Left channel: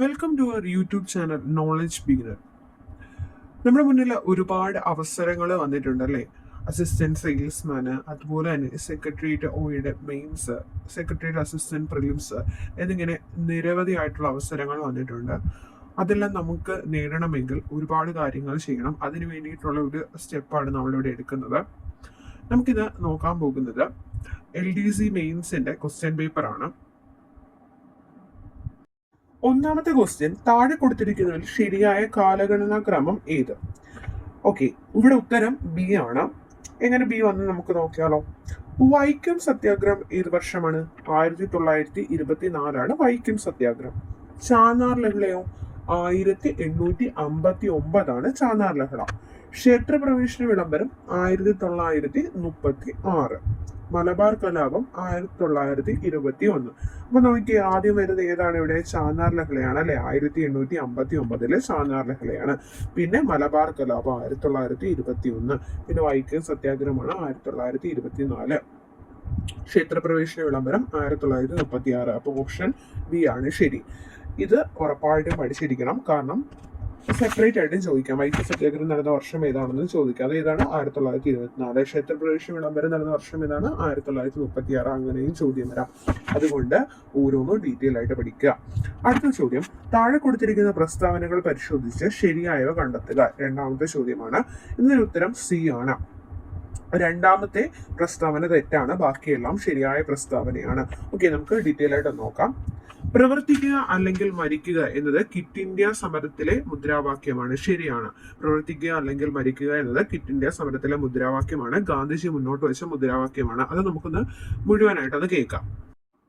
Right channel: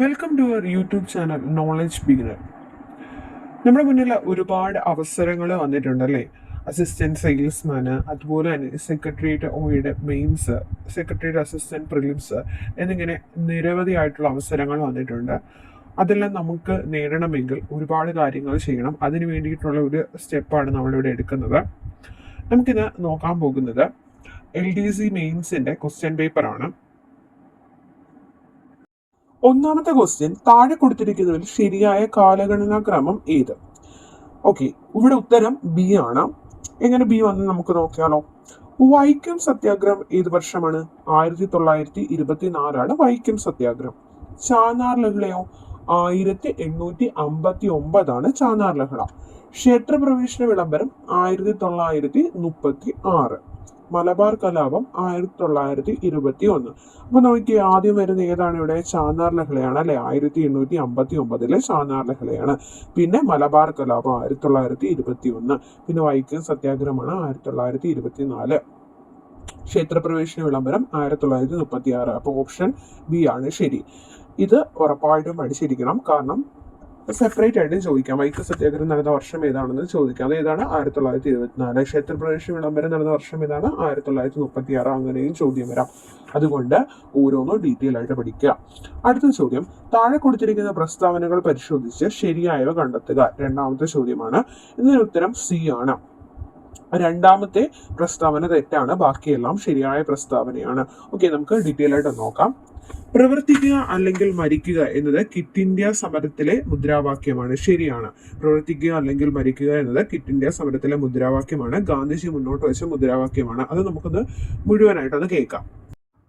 Welcome to our YouTube channel knowledge beginner. നമ്മുടെ മുന്നിൽ ഒരുപാട് അവസരങ്ങൾ വന്നിട്ടുണ്ടല്ലേ. അസിസ്റ്റന്റ് സെയിൽസ്മാന്, അതുപോലെ തന്നെ സെക്രട്ടേറിയറ്റ് ഒയുടെ മെയിൻസ്, സെക്രട്ടേറിയറ്റ് അസിസ്റ്റന്റ് പ്രിലിംസ് എന്നിങ്ങനെ നിരവധി ആയിട്ടുള്ള അവസരങ്ങൾ വന്നിട്ടുണ്ട്. അതെല്ലാം നമുക്ക് നേടണമെങ്കിൽ ഒരുപാട് കാര്യങ്ങൾ ചെയ്യണം. അതിന് വേണ്ടിയിട്ടുള്ള ഒരു സ്റ്റെപ്പാണ് നമ്മളിവിടെ എടുക്കുന്നത്. നമുക്കിത് നോക്കാൻ പോകുന്നത് LDC മെയിൻസിന്റെ ക്വസ്റ്റ്യൻ പേപ്പറാണ്. ഒന്നാമത്തെ ക്വസ്റ്റ്യൻ, താഴെ കൊടുത്തിരിക്കുന്നതിൽ ശരിയായ കാലഗണനാ ക്രമം ഏത്? ഓക്കെ, ഇവിടെ ഉത്തരം ബി ആണ്. എങ്ങനെ ബി വന്ന് നമുക്ക് നോക്കിയാലോ. വൈക്കം സത്യാഗ്രഹം ഏത് വർഷമാണ്? 1924 വൈക്കം സത്യാഗ്രഹം. ചാന്നാർ ലഹളയോ? 1859 ചാന്നാർ ലഹള. ക്ഷേത്രപ്രവേശന വിളംബരം 1936. മലബാർ കലാപം 1921. അപ്പൊ നോക്കി ആദ്യം വരുന്ന ഏതാണ്? ഇവിടെ ചാന്നാർ ലഹളയാണ് അല്ലെ. 1859 ചാന്നാർ ലഹളയാണ്. പിന്നെ മലബാർ കലാപം 1921. പിന്നെ വൈക്കം സത്യാഗ്രഹമാണ് 1924. ക്ഷേത്രപ്രവേശന വിളംബരം 1936. അപ്പൊ ഓപ്ഷൻ ബി ആണ് ശരി. ഇത് ഉറപ്പായിട്ടും പഠിച്ചിരിക്കണം, കാരണം സെപ്പറേറ്റ് ആയിട്ട് ചോദിക്കാം. വൈക്കം സത്യാഗ്രഹം നടന്ന വർഷം ഏതാണെന്ന് ചോദിക്കാം. അത് ഏതാണ്? 1924. ക്ഷേത്രപ്രവേശന വിളംബരം നടന്ന വർഷം ഏതാണ്? 1936. അങ്ങനെയും ചോദ്യം വരാം. അതുകൊണ്ട് ഓരോന്നും ഡീറ്റെയിൽ ആയിട്ട് പഠിക്കുക. അടുത്ത ചോദ്യം, താഴെ കൊടുത്തിരിക്കുന്ന പ്രസ്താവനകൾ പരിശോധിച്ച് ശരിയായവ കണ്ടെത്തുക. രണ്ടാമത്തെ ചോദ്യമാണ്. ഇതിന് ഉത്തരം സി ആണ്. രണ്ടാമത്തെ പ്രസ്താവന തെറ്റാണ്, ബാക്കിയെല്ലാം ശരിയായ പ്രസ്താവനയാണ്. ഓക്കെ, നമുക്ക് ഡീറ്റെയിൽ ആയിട്ട് നോക്കാം. പ്രവർത്തിക്കുക അല്ലെങ്കിൽ മരിക്കുക എന്നത് ക്വിറ്റ് ഇന്ത്യ സമരത്തിലെ മുദ്രാവാക്യമാണ്. ശരിയാണ്. പ്രവർത്തിക്കുക അല്ലെങ്കിൽ മരിക്കുക എന്നത് ക്വിറ്റ് ഇന്ത്യ സമരത്തിലെ മുദ്രാവാക്യമാണ്. ഗാന്ധിജി മുന്നോട്ട് വെച്ച മുദ്രാവാക്യമാണ്. അത് നമുക്കൊന്ന് മുഴുവനായിട്ട് അത് കേൾക്കാം.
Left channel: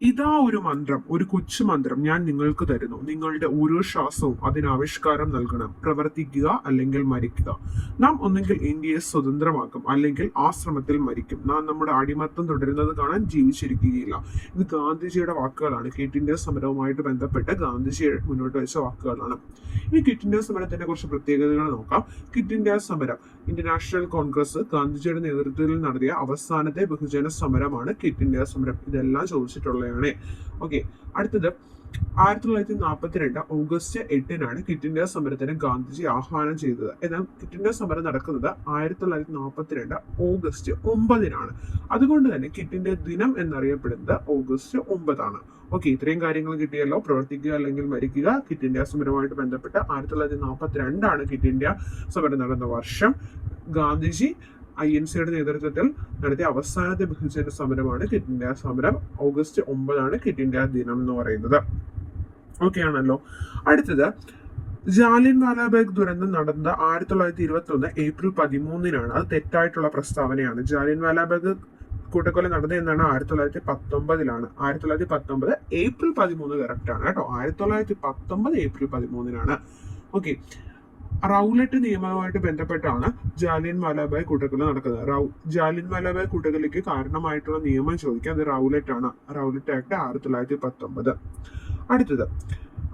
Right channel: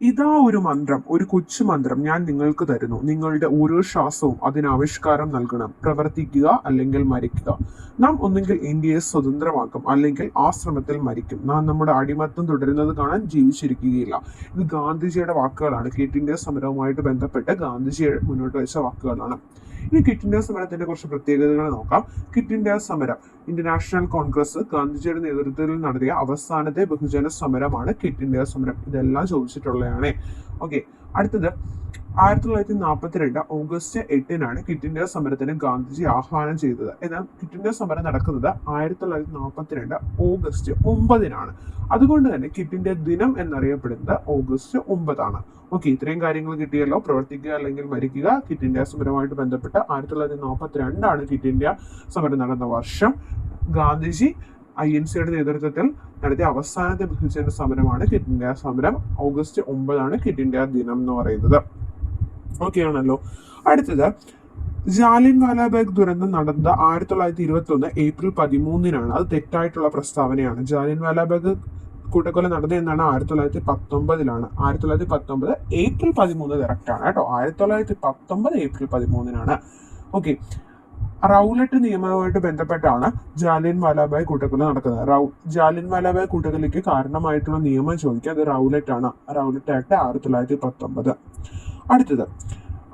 ഇതാ ഒരു മന്ത്രം, ഒരു കൊച്ചു മന്ത്രം ഞാൻ നിങ്ങൾക്ക് തരുന്നു. നിങ്ങളുടെ ഓരോ ശ്വാസവും അതിന് ആവിഷ്കാരം നൽകണം. പ്രവർത്തിക്കുക അല്ലെങ്കിൽ മരിക്കുക. നാം ഒന്നെങ്കിൽ ഇന്ത്യയെ സ്വതന്ത്രമാക്കും, അല്ലെങ്കിൽ ആശ്രമത്തിൽ മരിക്കും. നാം നമ്മുടെ അടിമത്തം തുടരുന്നത് കാണാൻ ജീവിച്ചിരിക്കുകയില്ല. ഇത് ഗാന്ധിജിയുടെ വാക്കുകളാണ്. ക്വിറ്റ് ഇന്ത്യ സമരവുമായിട്ട് ബന്ധപ്പെട്ട് ഗാന്ധിജി മുന്നോട്ട് വെച്ച വാക്കുകളാണ്. ഇനി ക്വിറ്റ് ഇന്ത്യ സമരത്തിന്റെ കുറച്ച് പ്രത്യേകതകൾ നോക്കാം. ക്വിറ്റ് ഇന്ത്യ സമരം ഇന്ത്യൻ നാഷണൽ കോൺഗ്രസ് ഗാന്ധിജിയുടെ നേതൃത്വത്തിൽ നടത്തിയ അവസാനത്തെ ബഹുജന സമരമാണ് ക്വിറ്റ് ഇന്ത്യ സമരം. ഇതെല്ലാം ചോദിച്ചിട്ടുള്ളതാണ്. ഓക്കെ, അടുത്തത് 1942 ഓഗസ്റ്റ് 8 ക്വിറ്റ് ഇന്ത്യ സമരത്തിന് ഗാന്ധിജി ആഹ്വാനം ചെയ്തത്. എന്നാൽ ക്വിറ്റ് ഇന്ത്യ സമരം നടക്കുന്നത് 1942 ഓഗസ്റ്റ് 9. അതുകൊണ്ട് തന്നെ ക്വിറ്റ് ഇന്ത്യ ദിനം എന്നറിയപ്പെടുന്നത് ഓഗസ്റ്റ് 9. ഓക്കെ, ഇത്രയും കാര്യങ്ങൾ കിട്ടിയല്ലോ. പ്രവർത്തിക്കുക അല്ലെങ്കിൽ മരിക്കുക, ക്വിറ്റ് ഇന്ത്യ സമരവുമായിട്ട് ബന്ധപ്പെട്ട് 1942 ക്വിറ്റ് ഇന്ത്യ സമരം നടന്ന വർഷം. ഗാന്ധിജി INCയുടെ നേതൃത്വത്തിൽ നടത്തിയ അവസാനത്തെ ബഹുജന സമരമാണ് ക്വിറ്റ് ഇന്ത്യ സമരം. ഓഗസ്റ്റ് 9 ക്വിറ്റ് ഇന്ത്യ ദിനം എന്ന് പറയുന്നത്. ഓക്കെ ആണല്ലോ. അടുത്തത്, ജാലിയൻ വാലാബാഗ് ദുരന്തം നടന്നത് 1921 ഏപ്രിൽ 13. അത് തെറ്റായിട്ടുള്ള പ്രസ്താവനയാണ്. ജാലിയൻ വാലാബാഗ് കൂട്ടക്കൊല നടന്നത് എന്നാണ്? 1919. 1919 ഏപ്രിൽ 13 കറക്റ്റ് ആണ് കേട്ടോ. 1919 ഏപ്രിൽ 13. ഓക്കെ, റൗലറ്റ് നിയമവുമായിട്ട് ബന്ധപ്പെട്ടാണ് ജാലിയൻ വാലാബാഗ് കൂട്ടക്കൊല നടക്കുന്നത്. ജാലിയൻ വാലാബാഗ് കൂട്ടക്കൊലയ്ക്ക് കാരണമായിട്ടുള്ള നിയമം ചോദിക്കുക. അത് റൗലറ്റ് ആണ്. Rowlatt act 1919. അടുത്തത്,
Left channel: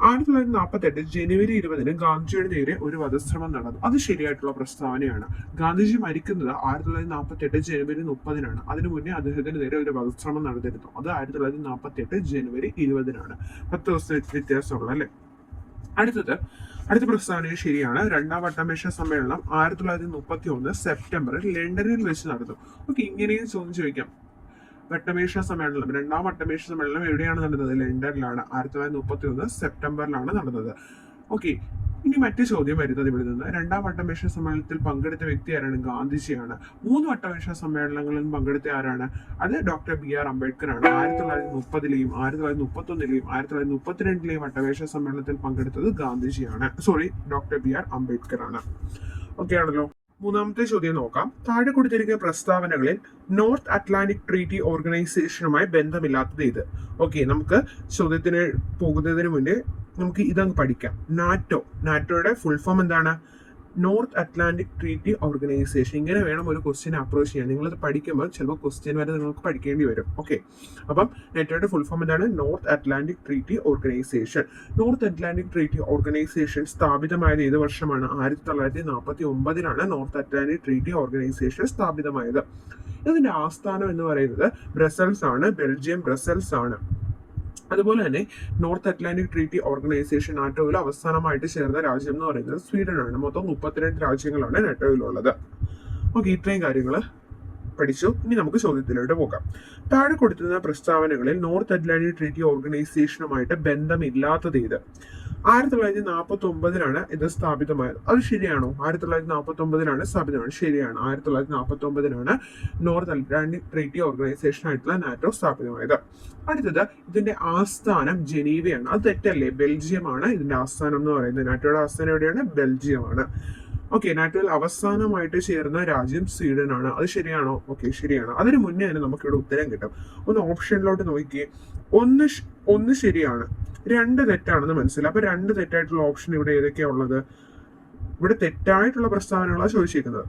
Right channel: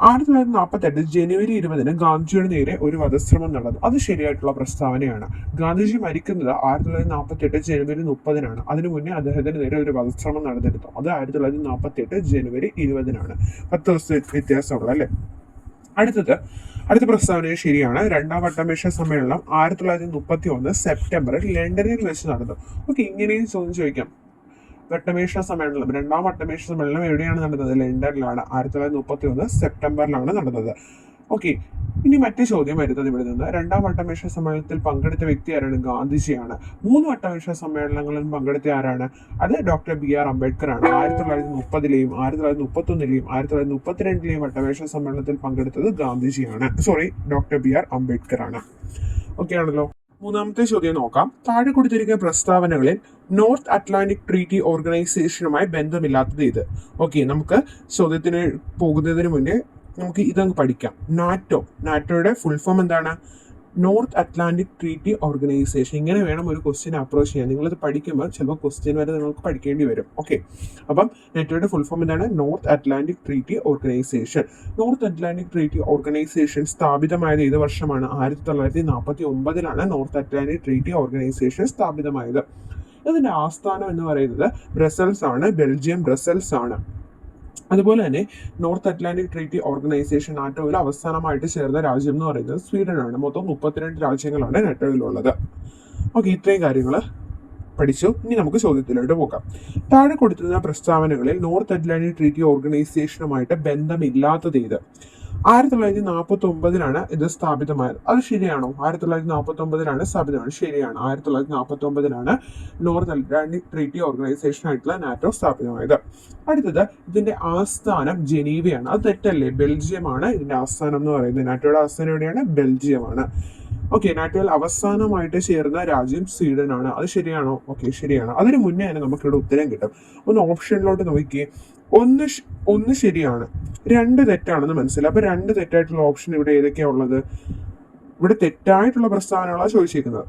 1948 ജനുവരി 20 ഗാന്ധിജിയുടെ നേരെ ഒരു വധശ്രമം നടന്നു. അത് ശരിയായിട്ടുള്ള പ്രസ്താവനയാണ്. ഗാന്ധിജി മരിക്കുന്നത് 1948 ജനുവരി 30. അതിനു മുന്നേ അദ്ദേഹത്തിന് നേരെ ഒരു വധശ്രമം നടന്നിരുന്നു. അത് 1948 ജനുവരി 20. 10 ദിവസത്തെ വ്യത്യാസമുള്ള അല്ലേ. അടുത്ത പ്രസ്താവന ശരിയാണ്. രണ്ടാം വട്ടമേശ സമ്മേളനം 1931 സെപ്റ്റംബറിൽ ലണ്ടനിൽ വെച്ച് നടന്നു. ഓക്കെ, ഇങ്ങനെയും ചോദിക്കാം. വട്ടമേശ സമ്മേളനം, രണ്ടാം വട്ടമേശ സമ്മേളനം എവിടെയാണ് നടന്നത്? ലണ്ടനിലാണ്. 1931 സെപ്റ്റംബറിലാണ് നടന്നത്. ഓക്കെ, ഇനി മറ്റു ചോദ്യം വരുന്നത് ഇവിടെ നിന്ന്. രണ്ടാം വട്ടമേശ സമ്മേളനത്തിൽ പങ്കെടുത്ത വ്യക്തി ആരാണ്? ഗാന്ധിജിയാണ്. 3 വട്ടമേശ സമ്മേളനങ്ങളിലും പങ്കെടുത്ത ആരാണ്? അത് ഡോക്ടർ BR അംബേദ്കർ ആണ്. 1930 1931 1932 വട്ടമേശ സമ്മേളനത്തിൽ പങ്കെടുത്തത് ഗാന്ധിജിയാണ്. ഡോക്ടർ BR അംബേദ്കർ ആണ്. ഓക്കെ ആണല്ലോ. മൂന്നാമത്തെ ചോദ്യം നോക്കാം. താഴെ കൊടുത്തിരിക്കുന്ന പ്രസ്താവനകളിൽ നോർത്ത് അറ്റ്ലാന്റിക് ട്രീറ്റി ഓർഗനൈസേഷനുമായി ബന്ധമില്ലാത്തത് ഇത്. ഓക്കെ, നമുക്ക് ചോദ്യത്തിന് പോകുന്നതിന് മുന്നേ നമുക്ക് ഇതങ്ങ് പഠിക്കാം. നാറ്റോയുടെ ഫുൾ ഫോം എന്താണ്? North Atlantic treaty organisation. ഇങ്ങനെ വേണം ഒരു ക്വസ്റ്റ്യൻ അപ്രോച്ച് ചെയ്യാൻ. നിങ്ങളത് പഠിക്കുമ്പോൾ ചിലപ്പോൾ ക്വസ്റ്റ്യൻ വരെ നിങ്ങൾക്ക് പഠിക്കേണ്ടി വരും. ഓക്കെ, അപ്പം നാറ്റോയുടെ ഫുൾ ഫോം എന്താണ്? North Atlantic treaty organisation. North Atlantic treaty organisation സ്ഥാപിതമായത് ഏത് വർഷമാണ്? 1949 നോർത്ത് അറ്റ്ലാന്റിക് ട്രീറ്റി ഓർഗനൈസേഷൻ സ്ഥാപിതമായത്. ഇതിന്റെ ആസ്ഥാനം എന്ന് പറയുന്നത് ബ്രസൽസ് ആണ്. ബെൽജിയം ബ്രസൽസ് ആണ്. അതുപോലെ തന്നെ നോർത്ത് അറ്റ്ലാന്റിക് ട്രീറ്റി ഓർഗനൈസേഷൻ നാറ്റോയിൽ അവസാനമായിട്ട് ചേർന്ന രാജ്യം എന്ന് പറയുന്നത് സ്വീഡനാണ്. മൊത്തം 32 രാജ്യങ്ങളാണ് നാറ്റോയിലുള്ളത്. ഓക്കെ, ഇത്രയും കാര്യങ്ങൾ പഠിച്ചു. ഇനി നമുക്ക് ചോദ്യത്തിലോട്ട് പോകാം. താഴെ കൊടുത്തിരുന്ന പ്രസ്താവനകളിൽ നോർത്ത് അറ്റ്ലാന്റിക് ട്രീറ്റി ഓർഗനൈസേഷനുമായിട്ട് ബന്ധമില്ലാത്തത് ഏത്? 1949 ഇത് സ്ഥാപിതമായത്. അത് ശരിയാണോ? 1949 സ്ഥാപിതമാണ്. ശരിയാണ്. 1949 നോർത്ത് അറ്റ്ലാന്റിക് ട്രീറ്റി ഓർഗനൈസേഷൻ ആയിട്ടുള്ള നാറ്റോ സ്ഥാപിതമായത്. അടുത്തത്, ഇതിന്റെ ആസ്ഥാനം ജനീവയാണ്. അത് തെറ്റല്ലേ? ബെൽജിയമാണ് ഇതിന്റെ ആസ്ഥാനം എന്ന് പറയുന്നത്. നാറ്റോയുടെ ആസ്ഥാനം എവിടെയാണ്? ബെൽജിയമാണ്. ഓക്കെ, നാറ്റോയിൽ അവസാനമായിട്ട് ചേർന്ന രാജ്യം സ്വീഡനാണ്. അത് ശരിയാണോ? ഓക്കെ, ശരിയാണ്. അതിന് മുന്നേ തന്നെ നമുക്കിവിടെ ഉത്തരം കിട്ടും. ഒന്ന് ഓപ്ഷനിലോട്ട് നോക്കിയേ. ഒന്ന് ശരിയാണ്, 2 തെറ്റാണെന്ന് മനസ്സിലായി. അപ്പൊ 2 തെറ്റായിട്ടുള്ള ഓപ്ഷൻ ഇവിടെ ഏതൊക്കെയാ ഉള്ളത്? ഇവിടെ തെറ്റായിട്ടുള്ള പ്രസ്താവനകളാണ് ചോദിച്ചിരിക്കുന്നത്.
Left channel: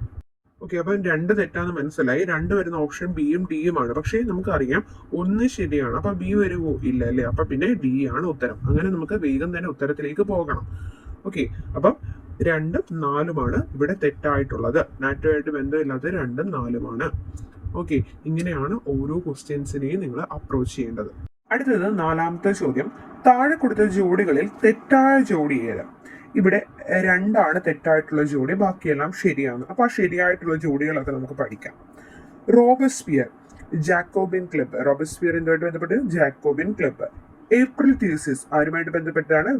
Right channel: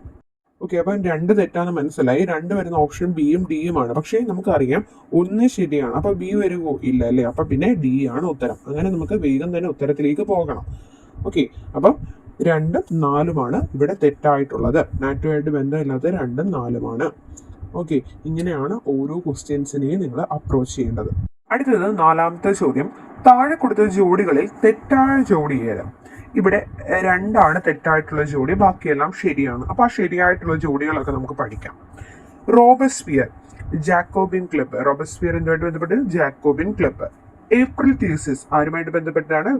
ഓക്കെ, അപ്പം 2 തെറ്റാന്ന് മനസ്സിലായി. 2 വരുന്ന ഓപ്ഷൻ ബിയും ഡിയുമാണ്. പക്ഷേ നമുക്കറിയാം 1 ശരിയാണ്. അപ്പൊ ബി വരുമോ? ഇല്ല അല്ലേ? അപ്പൊ പിന്നെ ഡി ആണ് ഉത്തരം. അങ്ങനെ നമുക്ക് വേഗം തന്നെ ഉത്തരത്തിലേക്ക് പോകണം. ഓക്കെ, അപ്പം 2ഉം 4ഉമാണ് ഇവിടെ തെറ്റായിട്ടുള്ളത്. നാറ്റോയായിട്ട് ബന്ധമില്ലാത്ത 2ഉം 4ഉമാണ്. ഓക്കെ, ഇങ്ങനെയാണ് ഓരോ ക്വസ്റ്റ്യൻസിനെയും നിങ്ങൾ അപ്രോച്ച് ചെയ്യേണ്ടത്. അടുത്തത് 4ാമത്തെ ചോദ്യം. താഴെ കൊടുത്ത ജോഡികളിൽ തെറ്റായ ജോഡി ഏത്? ഇവിടെ 2ആണ് തെറ്റായിട്ടുള്ള ജോഡി, ബാക്കിയെല്ലാം ശരിയാണ്. അപ്പൊ ആ ശരിയായിട്ടുള്ള ജോഡികളൊക്കെ നമുക്ക് പഠിക്കാം. Robespierre Jacobin club. റോബസ്പിയർ എന്തുമായിട്ട് ബന്ധപ്പെട്ട്? Jacobin club. ഏപ്രിൽ തീസിസ് ആരുമായിട്ട് ബന്ധപ്പെട്ടാണ്?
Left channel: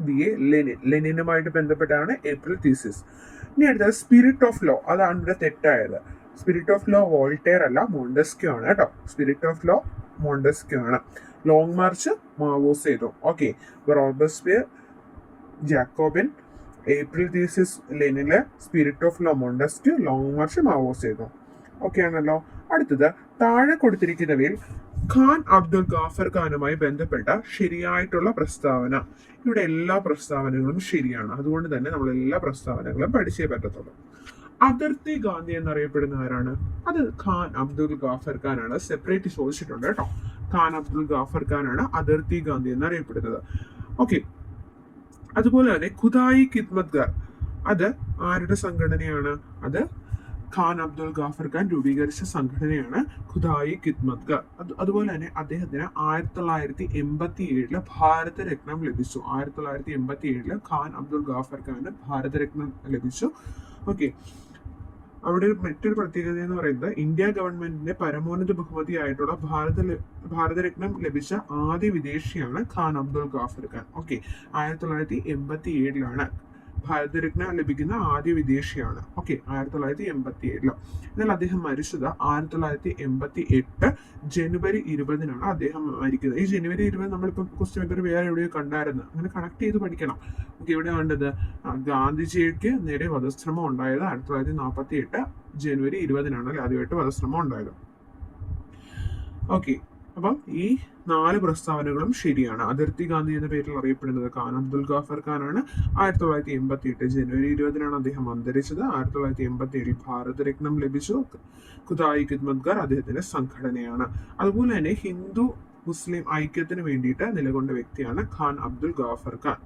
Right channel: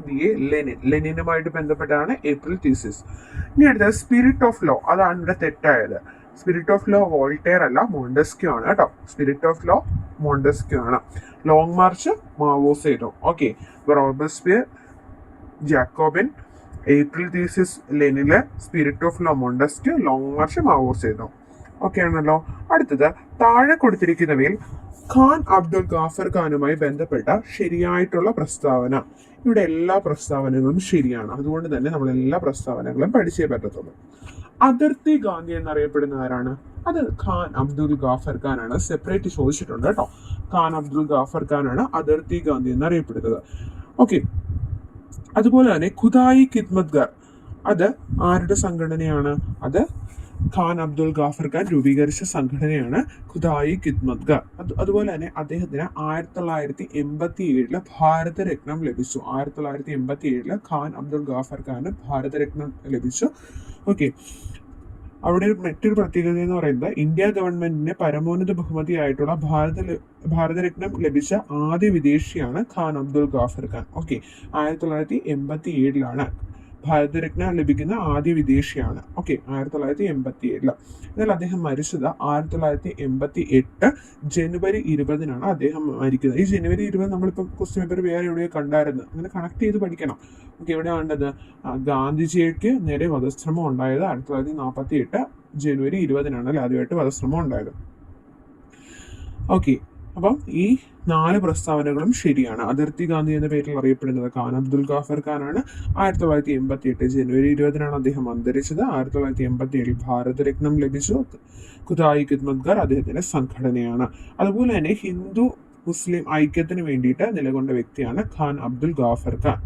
ലെനിനുമായിട്ട് ബന്ധപ്പെട്ടാണ് ഏപ്രിൽ തീസിസ്. ഇനി അടുത്തത് സ്പിരിറ്റ് ഓഫ് ലോ. അതാണ് ഇവിടെ തെറ്റായത്. സ്പിരിറ്റ് ഓഫ് ലോ വോൾട്ടയർ അല്ല, മോണ്ടസ്ക്യൂ ആണ് കേട്ടോ. സ്പിരിറ്റ് ഓഫ് ലോ മോണ്ടസ്ക്യൂ ആണ്. Long march Mao Zedong. Okay, Robespierre Jacobin, April theses ലെനിന്, spirit of law Montesquieu, long march Mao Zedong. Okay ആണല്ലോ. അടുത്തത്, താഴെ കൊടുത്തിരിക്കുന്നവയിൽ ഖാൻ അബ്ദുൽ ഗാഫർ ഖാനുമായി ബന്ധപ്പെട്ട ശരിയായിട്ടുള്ള പ്രസ്താവന. ഇവിടെ എല്ലാ പ്രസ്താവനകളും ശരിയാണ്. അതുകൊണ്ട് തന്നെ നമ്മൾ എല്ലാ പ്രസ്താവനകളും പഠിച്ചേ പറ്റത്തുള്ളൂ. അതിർത്തി ഗാന്ധി എന്നറിയപ്പെടുന്ന ആരാണ്? അത് ഖാൻ അബ്ദുൽ ഗാഫർ ഖാനാണ്. സെപ്പറേറ്റ് ചോദിച്ചിട്ടുണ്ട് കേട്ടോ. ഖാൻ അബ്ദുൽ ഗാഫർ ഖാനാണ് അതിർത്തി ഗാന്ധി എന്നറിയപ്പെടുന്നത്. ഓക്കെ, അതുപോലെ തന്നെ ഖുദായി ഖിദ്മത്ഗർ, അത് ആരുടെ സംഘടനയാണ്? അത് ഖാൻ അബ്ദുൽ ഗാഫർ ഖാൻ രൂപീകരിച്ച സംഘടനയാണ് ഖുദായി ഖിദ്മത്ഗർ. അതുപോലെ തന്നെ അദ്ദേഹത്തിന് 1987 ഭാരതരത്നം ലഭിച്ചു. 1987 ഖാൻ അബ്ദുൽ ഗാഫർ ഖാന് ഭാരതരത്നം ലഭിച്ചു. ഓക്കെ, അവിടെ മറ്റൊരു പ്രത്യേകത എന്ന് പറയുന്നത് ഇന്ത്യ ഗവൺമെന്റിന്റെ പരമോന്നത ബഹുമതിയായിട്ടുള്ള ഭാരതരത്നം ലഭിച്ച ആദ്യ വിദേശിയാണ് ഖാൻ അബ്ദുൽ ഗാഫർ ഖാൻ. ഓക്കെ, 1987 ഭാരതരത്ന ലഭിക്കുന്ന ആദ്യ വിദേശിയാണ്. ഓക്കെ, 1987. എന്നാൽ അദ്ദേഹം മരിച്ചത് 1988 ജനുവരി 20 അദ്ദേഹം മരിക്കുന്നത്. ഈ ജനുവരി 20 നമ്മളിപ്പോൾ ക്വസ്റ്റ്യൻ പേപ്പർ വേറെ എവിടെയോ കണ്ടായിരുന്നു. അങ്ങനെ കണക്ട് ചെയ്ത് പഠിക്കണം. ഓക്കെ, എവിടെ കണ്ടത്? ഗാന്ധിജിക്ക് നേരെ വധശ്രമം ഉണ്ടായത് 1948 ജനുവരി 20 ആദ്യമായിട്ട് വധശ്രമം ഉണ്ടായത്. ഓക്കെ, അപ്പം ഈ 4 പ്രസ്താവനകളും ശരിയാണ്. അതിർത്തി ഗാന്ധി എന്ന പേരിൽ അറിയപ്പെടുന്നത് ഖാൻ അബ്ദുൽ ഗാഫർ ഖാനാണ്. 1988 ജനുവരി 20 അദ്ദേഹം അന്തരിച്ചത്. 1987 ഭാരതരത്നം ലഭിച്ചു. ഖുദായി ഖിദ്മത്ഗർ അദ്ദേഹത്തിന്റെ സംഘടനയാണ്. അതുപോലെ തന്നെ ഹിന്ദു മുസ്ലിം ഐക്യത്തിന് വേണ്ടിയിട്ട് നിലകൊണ്ട വ്യക്തിയാണ് ഖാൻ അബ്ദുൽ ഗാഫർ ഖാൻ.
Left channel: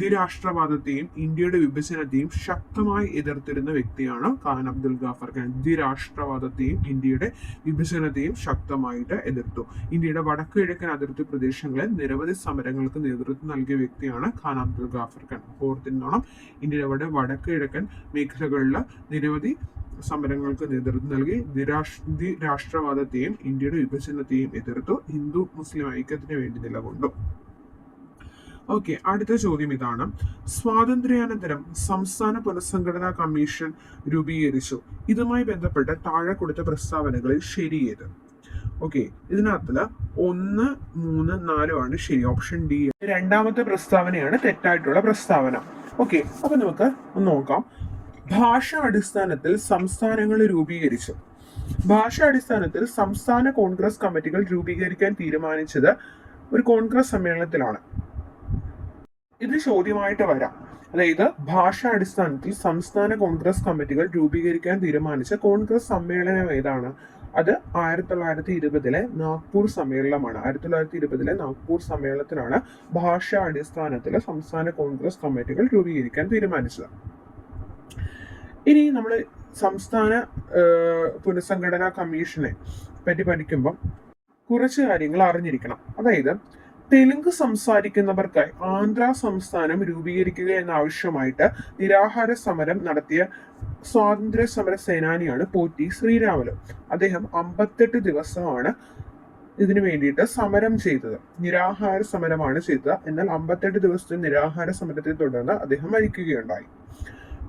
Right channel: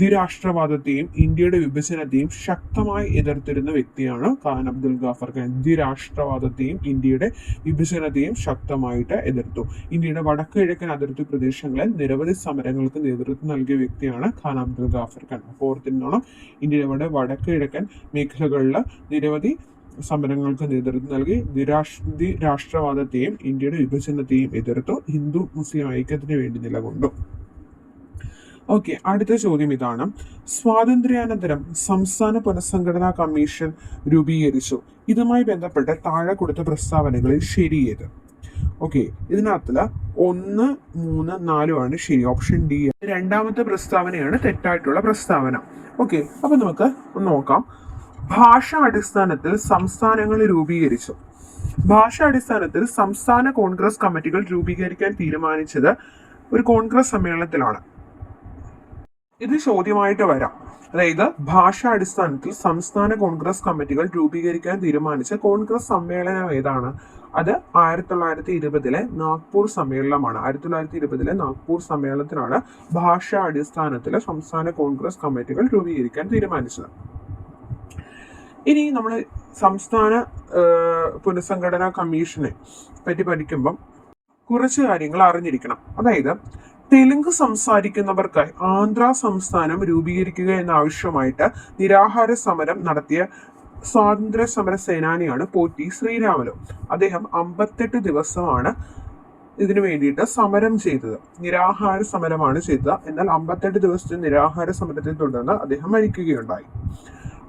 ദ്വിരാഷ്ട്രവാദത്തെയും ഇന്ത്യയുടെ വിഭജനത്തെയും ശക്തമായി എതിർത്തിരുന്ന വ്യക്തിയാണ് ഖാൻ അബ്ദുൽ ഗാഫർ ഖാൻ. ദ്വിരാഷ്ട്രവാദത്തെയും ഇന്ത്യയുടെ വിഭജനത്തെയും ശക്തമായിട്ട് എതിർത്തു. ഇന്ത്യയുടെ വടക്ക് കിഴക്കൻ അതിർത്തി പ്രദേശങ്ങളിൽ നിരവധി സമരങ്ങൾക്ക് നേതൃത്വം നൽകിയ വ്യക്തിയാണ് ഖാൻ അബ്ദുൽ ഗാഫർ ഖാൻ. ഓർത്തിരുന്നോണം, ഇന്ത്യയുടെ വടക്ക് കിഴക്കൻ മേഖലകളിൽ നിരവധി സമരങ്ങൾക്ക് നേതൃത്വം നൽകി. രാഷ്ട്രവാദത്തെയും ഇന്ത്യയുടെ വിഭജനത്തെയും എതിർത്തു. ഹിന്ദു മുസ്ലിം ഐക്യത്തിന് വേണ്ടി നിലകൊണ്ടു. ഓക്കെ, അടുത്ത ചോദ്യം ഇതാണ്. സ്വാതന്ത്ര്യാനന്തരം സംസ്ഥാന പുനഃസംഘടനാ കമ്മീഷൻ രൂപീകരിച്ചു. ഇതുമായി ബന്ധപ്പെട്ട് താഴെ കൊടുത്ത പ്രസ്താവനകളിൽ ശരിയേത്? ഓക്കെ, ഇതിനകത്തില് 1, 3, 4 ശരി. Option D. 2ാമത്തെ പ്രസ്താവനയാണ് തെറ്റായിട്ടുള്ള പ്രസ്താവന. ഓക്കെ, അപ്പൊ നമുക്ക് ഒന്ന് നോക്കാം. ഭാഷാ അടിസ്ഥാനത്തിൽ സംസ്ഥാനങ്ങൾ രൂപീകരിച്ചു. ഭാഷാ അടിസ്ഥാനത്തിൽ സംസ്ഥാന കോൺഗ്രസ് കമ്മിറ്റികൾ രൂപീകരിക്കാൻ തീരുമാനിച്ചത് ഒരു കോൺഗ്രസ് സമ്മേളനത്തിലാണ്. ഇത് ചോദ്യമായിട്ട് വരാം. അതായത് ഭാഷാ അടിസ്ഥാനത്തിൽ സംസ്ഥാന കോൺഗ്രസ് കമ്മിറ്റികൾ രൂപീകരിക്കാൻ തീരുമാനിച്ച കോൺഗ്രസ് സമ്മേളനം ഏതാണ്? അത് 1920 നാഗ്പൂർ സമ്മേളനമാണ്. 1920 നാഗ്പൂർ സമ്മേളനത്തിലാണ് ഭാഷാ അടിസ്ഥാനത്തിൽ സംസ്ഥാന കോൺഗ്രസ് കമ്മിറ്റികൾ രൂപീകരിക്കാൻ തീരുമാനിച്ചത്. ഇനി നമ്മൾ സംസ്ഥാന പുനഃസംഘടനാ കമ്മീഷനെ പറ്റി പഠിക്കുമ്പം കുറച്ച് കാര്യങ്ങൾ അറിഞ്ഞിരിക്കണം. അതായത് തെലുങ്ക് സംസാരിക്കുന്നവർക്കായി ആന്ധ്ര സംസ്ഥാനം രൂപീകരിക്കുക എന്ന ആവശ്യമായിട്ട് നിരാഹാര സമരം നടത്തിയ സ്വാതന്ത്ര്യ സമര സേനാനിയാണ് പോറ്റി ശ്രീരാമലു. അദ്ദേഹം 58 ദിവസമാണ് ഇതിനു വേണ്ടിയിട്ട് സമരം ചെയ്തത്. നിരാഹാര സമരമാണ് ചെയ്തത്. എന്നാൽ 58 ദിവസത്തെ നിരാഹാര സമരത്തെ തുടർന്ന് അദ്ദേഹം മരിക്കുകയുണ്ടായി.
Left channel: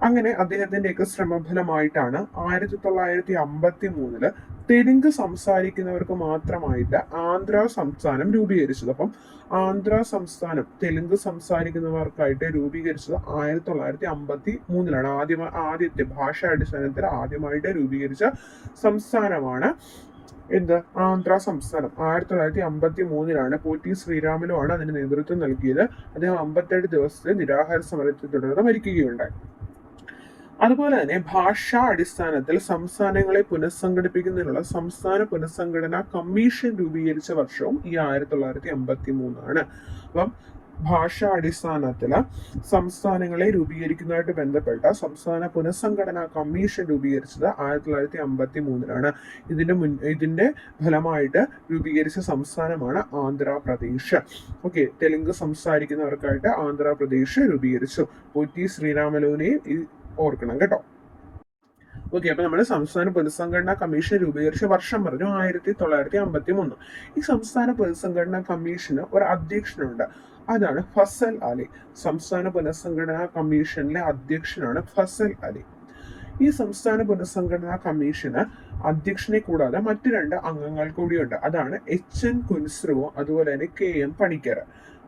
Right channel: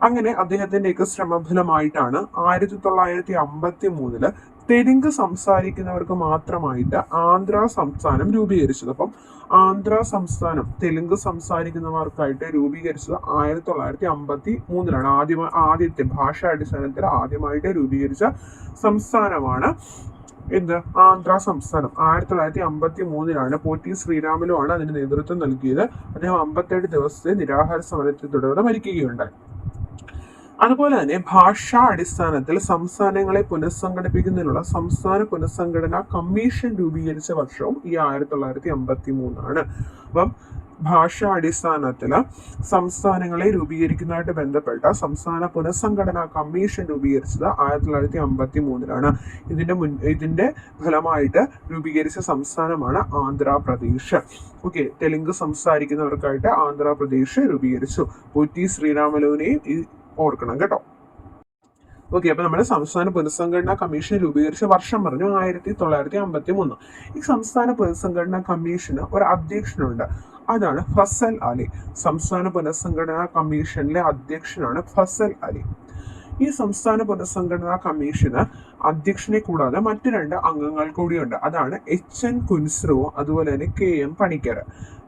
അങ്ങനെ അദ്ദേഹത്തിന്റെയൊക്കെ ശ്രമഫലമായിട്ടാണ് 1953 തെലുങ്ക് സംസാരിക്കുന്നവർക്ക് മാത്രമായിട്ട് ആന്ധ്ര സംസ്ഥാനം രൂപീകരിച്ചത്. അപ്പം ആന്ധ്ര സംസ്ഥാനം തെലുങ്ക് സംസാരിക്കുന്നവർക്കായിട്ട് രൂപീകരിച്ചത് 1953 ആദ്യത്തെ ഭാഷാ അടിസ്ഥാനത്തിൽ ആദ്യമായിട്ട് രൂപീകരിച്ച സംസ്ഥാനമാണ് എന്ത് ആന്ധ്ര സംസ്ഥാനം. 1953 പോറ്റി ശ്രീരാമലു ആണ് അതിന് നേതൃത്വം നൽകിയത്. അദ്ദേഹം 57 ദിവസത്തെ നിരാഹാര സമരത്തെ തുടർന്ന് മരിക്കുകയുണ്ടായി. അതുപോലെ തന്നെ ഭാഷാ അടിസ്ഥാനത്തിൽ സംസ്ഥാനങ്ങളെ പുനഃസംഘടിപ്പിക്കുന്നതിനുള്ള സംസ്ഥാന പുനഃസംഘടനാ കമ്മീഷൻ രൂപീകരിച്ച വർഷവും ഈ 1953 അപ്പം ഭാഷാ അടിസ്ഥാനത്തില് സംസ്ഥാനങ്ങളെ രൂപീകരിക്കുന്നതായിട്ട് ബന്ധപ്പെട്ട സംസ്ഥാന പുനഃസംഘടനാ കമ്മീഷൻ രൂപീകരിച്ചത് 1953 ഇതിന്റെ ഫലമായിട്ട് രൂപീകരിച്ച സംസ്ഥാനമാണ് ആന്ധ്രാപ്രദേശ്. ഓക്കെ, തെലുങ്ക് സംസാരിക്കുന്നവർക്കായിട്ട് ആന്ധ്രാപ്രദേശ് രൂപീകരിച്ചു. പോറ്റി ശ്രീരാമലുവിനെയും ഓർക്കണം കേട്ടോ. ഓക്കെ, അപ്പൊ നമ്മുടെ സംസ്ഥാന പുനഃസംഘടനാ കമ്മീഷൻ രൂപീകരിച്ച വർഷം പറഞ്ഞു 1953. ഈ സംസ്ഥാന പുനഃസംഘടനാ കമ്മീഷന് ഒരു അധ്യക്ഷനുണ്ട്, അതാണ് ഫസൽ അലി. സംസ്ഥാന പുനഃസംഘടനാ കമ്മീഷനിലെ അധ്യക്ഷനാണ് ഫസൽ അലി. ഈ സംസ്ഥാന പുനഃസംഘടനാ കമ്മീഷന് അധ്യക്ഷനെ കൂടാതെ മറ്റു 2 അംഗങ്ങൾ കൂടിയുണ്ട്, അതാണ് HN കുൻസ്രു അതുപോലെ തന്നെ KM Panikkar.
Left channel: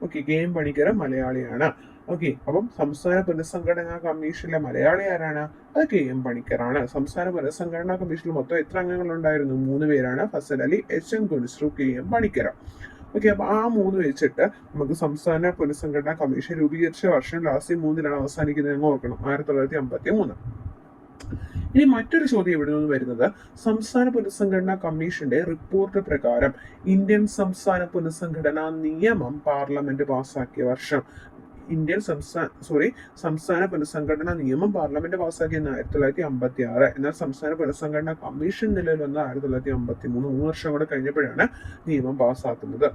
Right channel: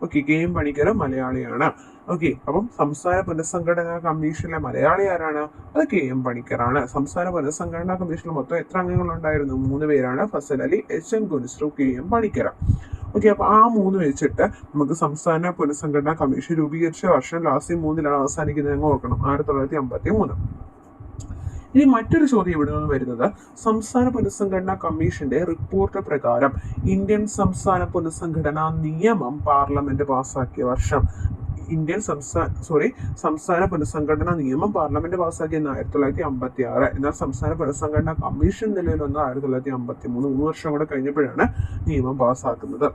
Okay, KM Panicker മലയാളിയാണ്. ഓക്കെ, അപ്പം സംസ്ഥാന പുനഃസംഘടനാ കമ്മീഷനിലെ മലയാളി ആരാണ്? അത് KM പണിക്കറാണ്. സംസ്ഥാന പുനഃസംഘടനാ കമ്മീഷനിൽ മൊത്തം എത്ര അംഗങ്ങളുണ്ടായിരുന്നു? 3 പേരാണ്, Fazal Ali, HN Kunzru, KM Panikkar. Okay, അപ്പൊ ആ 3 വെച്ചിട്ട് നമുക്ക് സംസ്ഥാന പുനഃസംഘടനാ കമ്മീഷൻ രൂപീകരിച്ച വർഷം ലാസ്റ്റ് 3 അവസാനിക്കുന്നത് ഓർക്കണം, 1953. ഇനി മറ്റൊരു ചോദ്യം ഇവിടെ നിന്ന് വരുന്നത്, സംസ്ഥാന പുനഃസംഘടനാ കമ്മീഷന്റെ റിപ്പോർട്ട് പ്രകാരം ഇന്ത്യൻ സംസ്ഥാന പുനഃസംഘടനാ നിയമം പാർലമെന്റ് പാസാക്കിയ വർഷം. സംസ്ഥാന പുനഃസംഘടനാ നിയമം പാർലമെന്റ് പാസാക്കിയത് 1956. എന്നാൽ സംസ്ഥാന പുനഃസംഘടനാ കമ്മീഷൻ നിലവിൽ വന്നത് 1953. 3 വർഷം കൂടെ കഴിഞ്ഞപ്പോഴാണ് നിയമം പാസാക്കുന്നത്.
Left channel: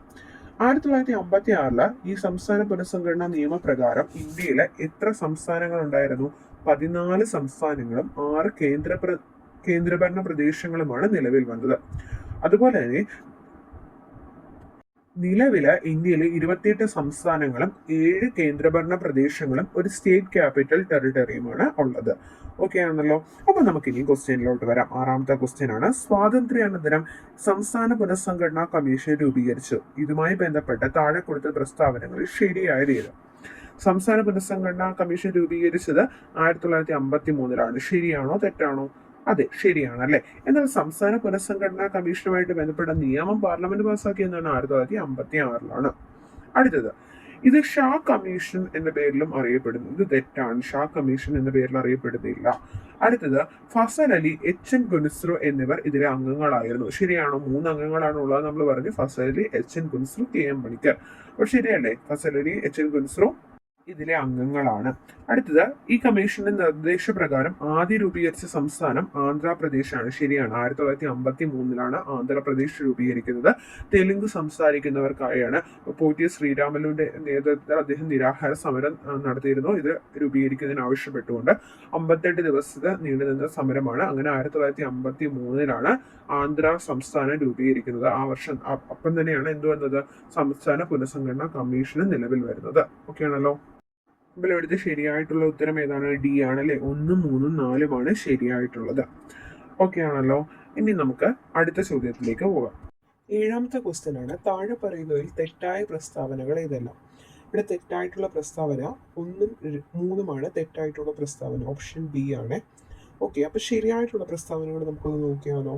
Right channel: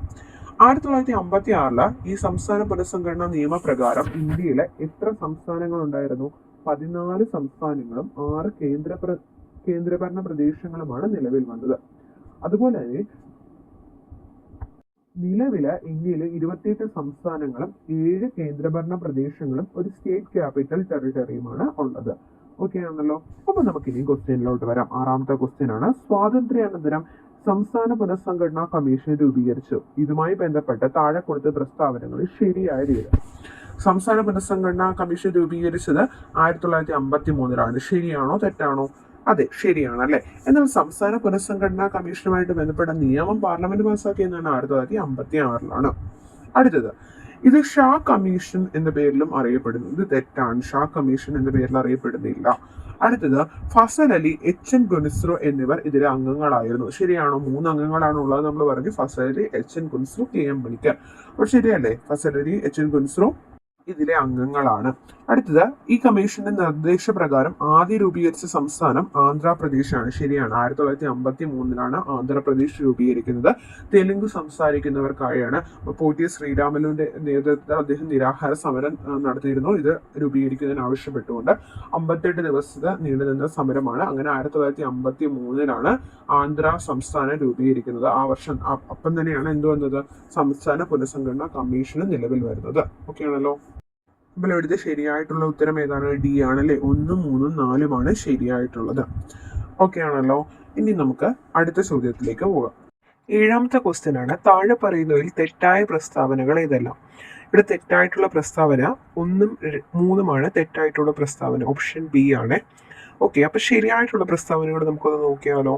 1956 ഈ സംസ്ഥാന പുനഃസംഘടനാ നിയമപ്രകാരം ഇന്ത്യയിലെ എത്ര സംസ്ഥാനങ്ങൾ ഉണ്ടായിരുന്നു? 14 സംസ്ഥാനങ്ങളും 6 കേന്ദ്രഭരണ പ്രദേശങ്ങളുമാണ് നിലവിൽ വന്നത്. അതുപോലെ തന്നെ നിലവിലെ ഇന്ത്യയിലെ 28 സംസ്ഥാനങ്ങളും 7 കേന്ദ്രഭരണ പ്രദേശങ്ങളും ഒരു സ്റ്റേറ്റ് ക്യാപിറ്റൽ ടെറിട്ടറിയുമാണ് ഉള്ളത്. ഓക്കെ ആണല്ലോ. അപ്പൊ നമുക്ക് ഇനി ക്വസ്റ്റ്യനിലോട്ട് വരാം. 6ാമത്തെ ക്വസ്റ്റ്യൻ ആണ്, സ്വാതന്ത്ര്യാനന്തരം സംസ്ഥാന പുനഃസംഘടനാ കമ്മീഷൻ രൂപീകരിച്ചു. ഇതുമായി ബന്ധപ്പെട്ട് താഴെ കൊടുത്ത പ്രസ്താവനകളിൽ ശരിയായത് ഏത്? സംസ്ഥാന പുനഃസംഘടനാ കമ്മീഷൻ രൂപീകരിച്ചത് 1953. ശരിയാണോ തെറ്റാണോ? അതെ, ശരിയാണ് അല്ലെ. എന്നാൽ സംസ്ഥാന പുനഃസംഘടനാ കമ്മീഷനുമായിട്ട് ബന്ധപ്പെട്ട നിയമം പാർലമെന്റ് പാസാക്കിയതാണ് 1956. അടുത്തത്, ഇത് ഷാ കമ്മീഷൻ എന്ന പേരിലും അറിയപ്പെടുന്നു. ഇത് തെറ്റാണ്, ഷാ കമ്മീഷൻ എന്ന പേരിൽ അറിയപ്പെടുന്നില്ല. അടുത്തത്, ഫസൽ അലി, HN കുൻസ്രു എന്നിവർ ഇതിലെ അംഗങ്ങളായിരുന്നു. ശരിയാണോ? 3 അംഗങ്ങളാണ് ഉള്ളത് നമ്മൾ പറഞ്ഞു, ഫസൽ അലി, HN കുൻസ്രു, KM പണിക്കർ. അപ്പോൾ ശരിയല്ലേ, ഫസൽ അലി, HN കുൻസ്രു ഇതിലെ അംഗങ്ങളാണ്. അടുത്തത്, ഈ കമ്മീഷന്റെ നിർദ്ദേശപ്രകാരം ആദ്യം രൂപീകരിച്ച സംസ്ഥാനം ആന്ധ്രാപ്രദേശാണ്. ശരിയാണ്, 1953 ആന്ധ്രാപ്രദേശ് രൂപീകരിക്കുന്നത്. തെലുങ്ക് സംസാരിക്കുന്നവർക്കായാണ്. പോറ്റി ശ്രീരാമലുവിന്റെ നേതൃത്വത്തിൽ അദ്ദേഹം നിരാഹാര സമരം നടത്തിയിരുന്നു, ഇത് രൂപീകരിക്കുന്നതിന് ആവശ്യപ്പെട്ടുകൊണ്ട്. 58 ദിവസത്തെ നീണ്ടുനിന്ന സമരമാണ്. അങ്ങനെ 1953 ആന്ധ്ര സംസ്ഥാനം രൂപീകരിക്കുന്നത്. ആ വർഷം അപ്പം തന്നെയാണ് എന്ത് വന്നത്? സംസ്ഥാന പുനഃസംഘടനാ കമ്മീഷന് നിലവിൽ വരുന്നത്. ഓക്കെ ആണല്ലോ. അപ്പോൾ ഇവിടുത്തെ ശരിയായിട്ടുള്ള ഉത്തരം ഏതാണ്? ഡി ആണല്ലേ. 1, 3, 4 ശരിയായിട്ടുള്ളത്. ഓക്കെ ആണല്ലോ. ഇനി നമുക്ക് അടുത്ത ചോദ്യത്തിലേക്ക് പോകാം. 7ാമത്തെ ക്വസ്റ്റ്യൻ ആണ്, താഴെ പറയുന്നതിൽ തെറ്റായ പ്രസ്താവനകൾ ഏതെല്ലാം? ഇവിടെ തെറ്റായിട്ടുള്ള പ്രസ്താവന 1ഉം 3ഉമാണ് തെറ്റായിട്ടുള്ള പ്രസ്താവന. ഓപ്ഷൻ ബി ആണ്. ഓക്കെ, അപ്പൊ ശരിയായിട്ടുള്ള പ്രസ്താവനകൾ നമുക്കൊന്ന് നോക്കിയാലോ.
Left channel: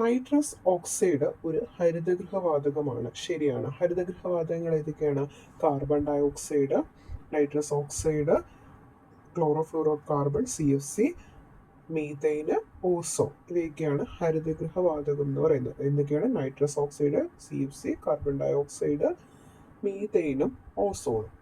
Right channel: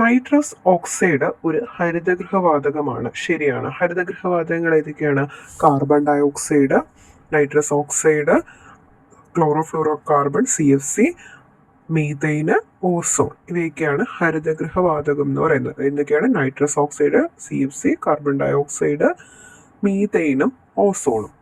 നൈട്രസ് ഓക്സൈഡ് ഒരു ഹരിതഗൃഹവാതകമാണ്. ശരിയാണ്. ഹരിതഗൃഹവാതകങ്ങൾ ഏതൊക്കെയാണ്? Carbon dioxide, nitrous oxide, chlorofluorocarbon CFC, methane, ozone, ഇവയൊക്കെയാണ് ഹരിതഗൃഹവാതകം എന്ന് പറയുന്നത്. എന്തൊക്കെയാണ്? Nitrous oxide, CFC, carbon dioxide, മീഥൈനും ഓസോണും.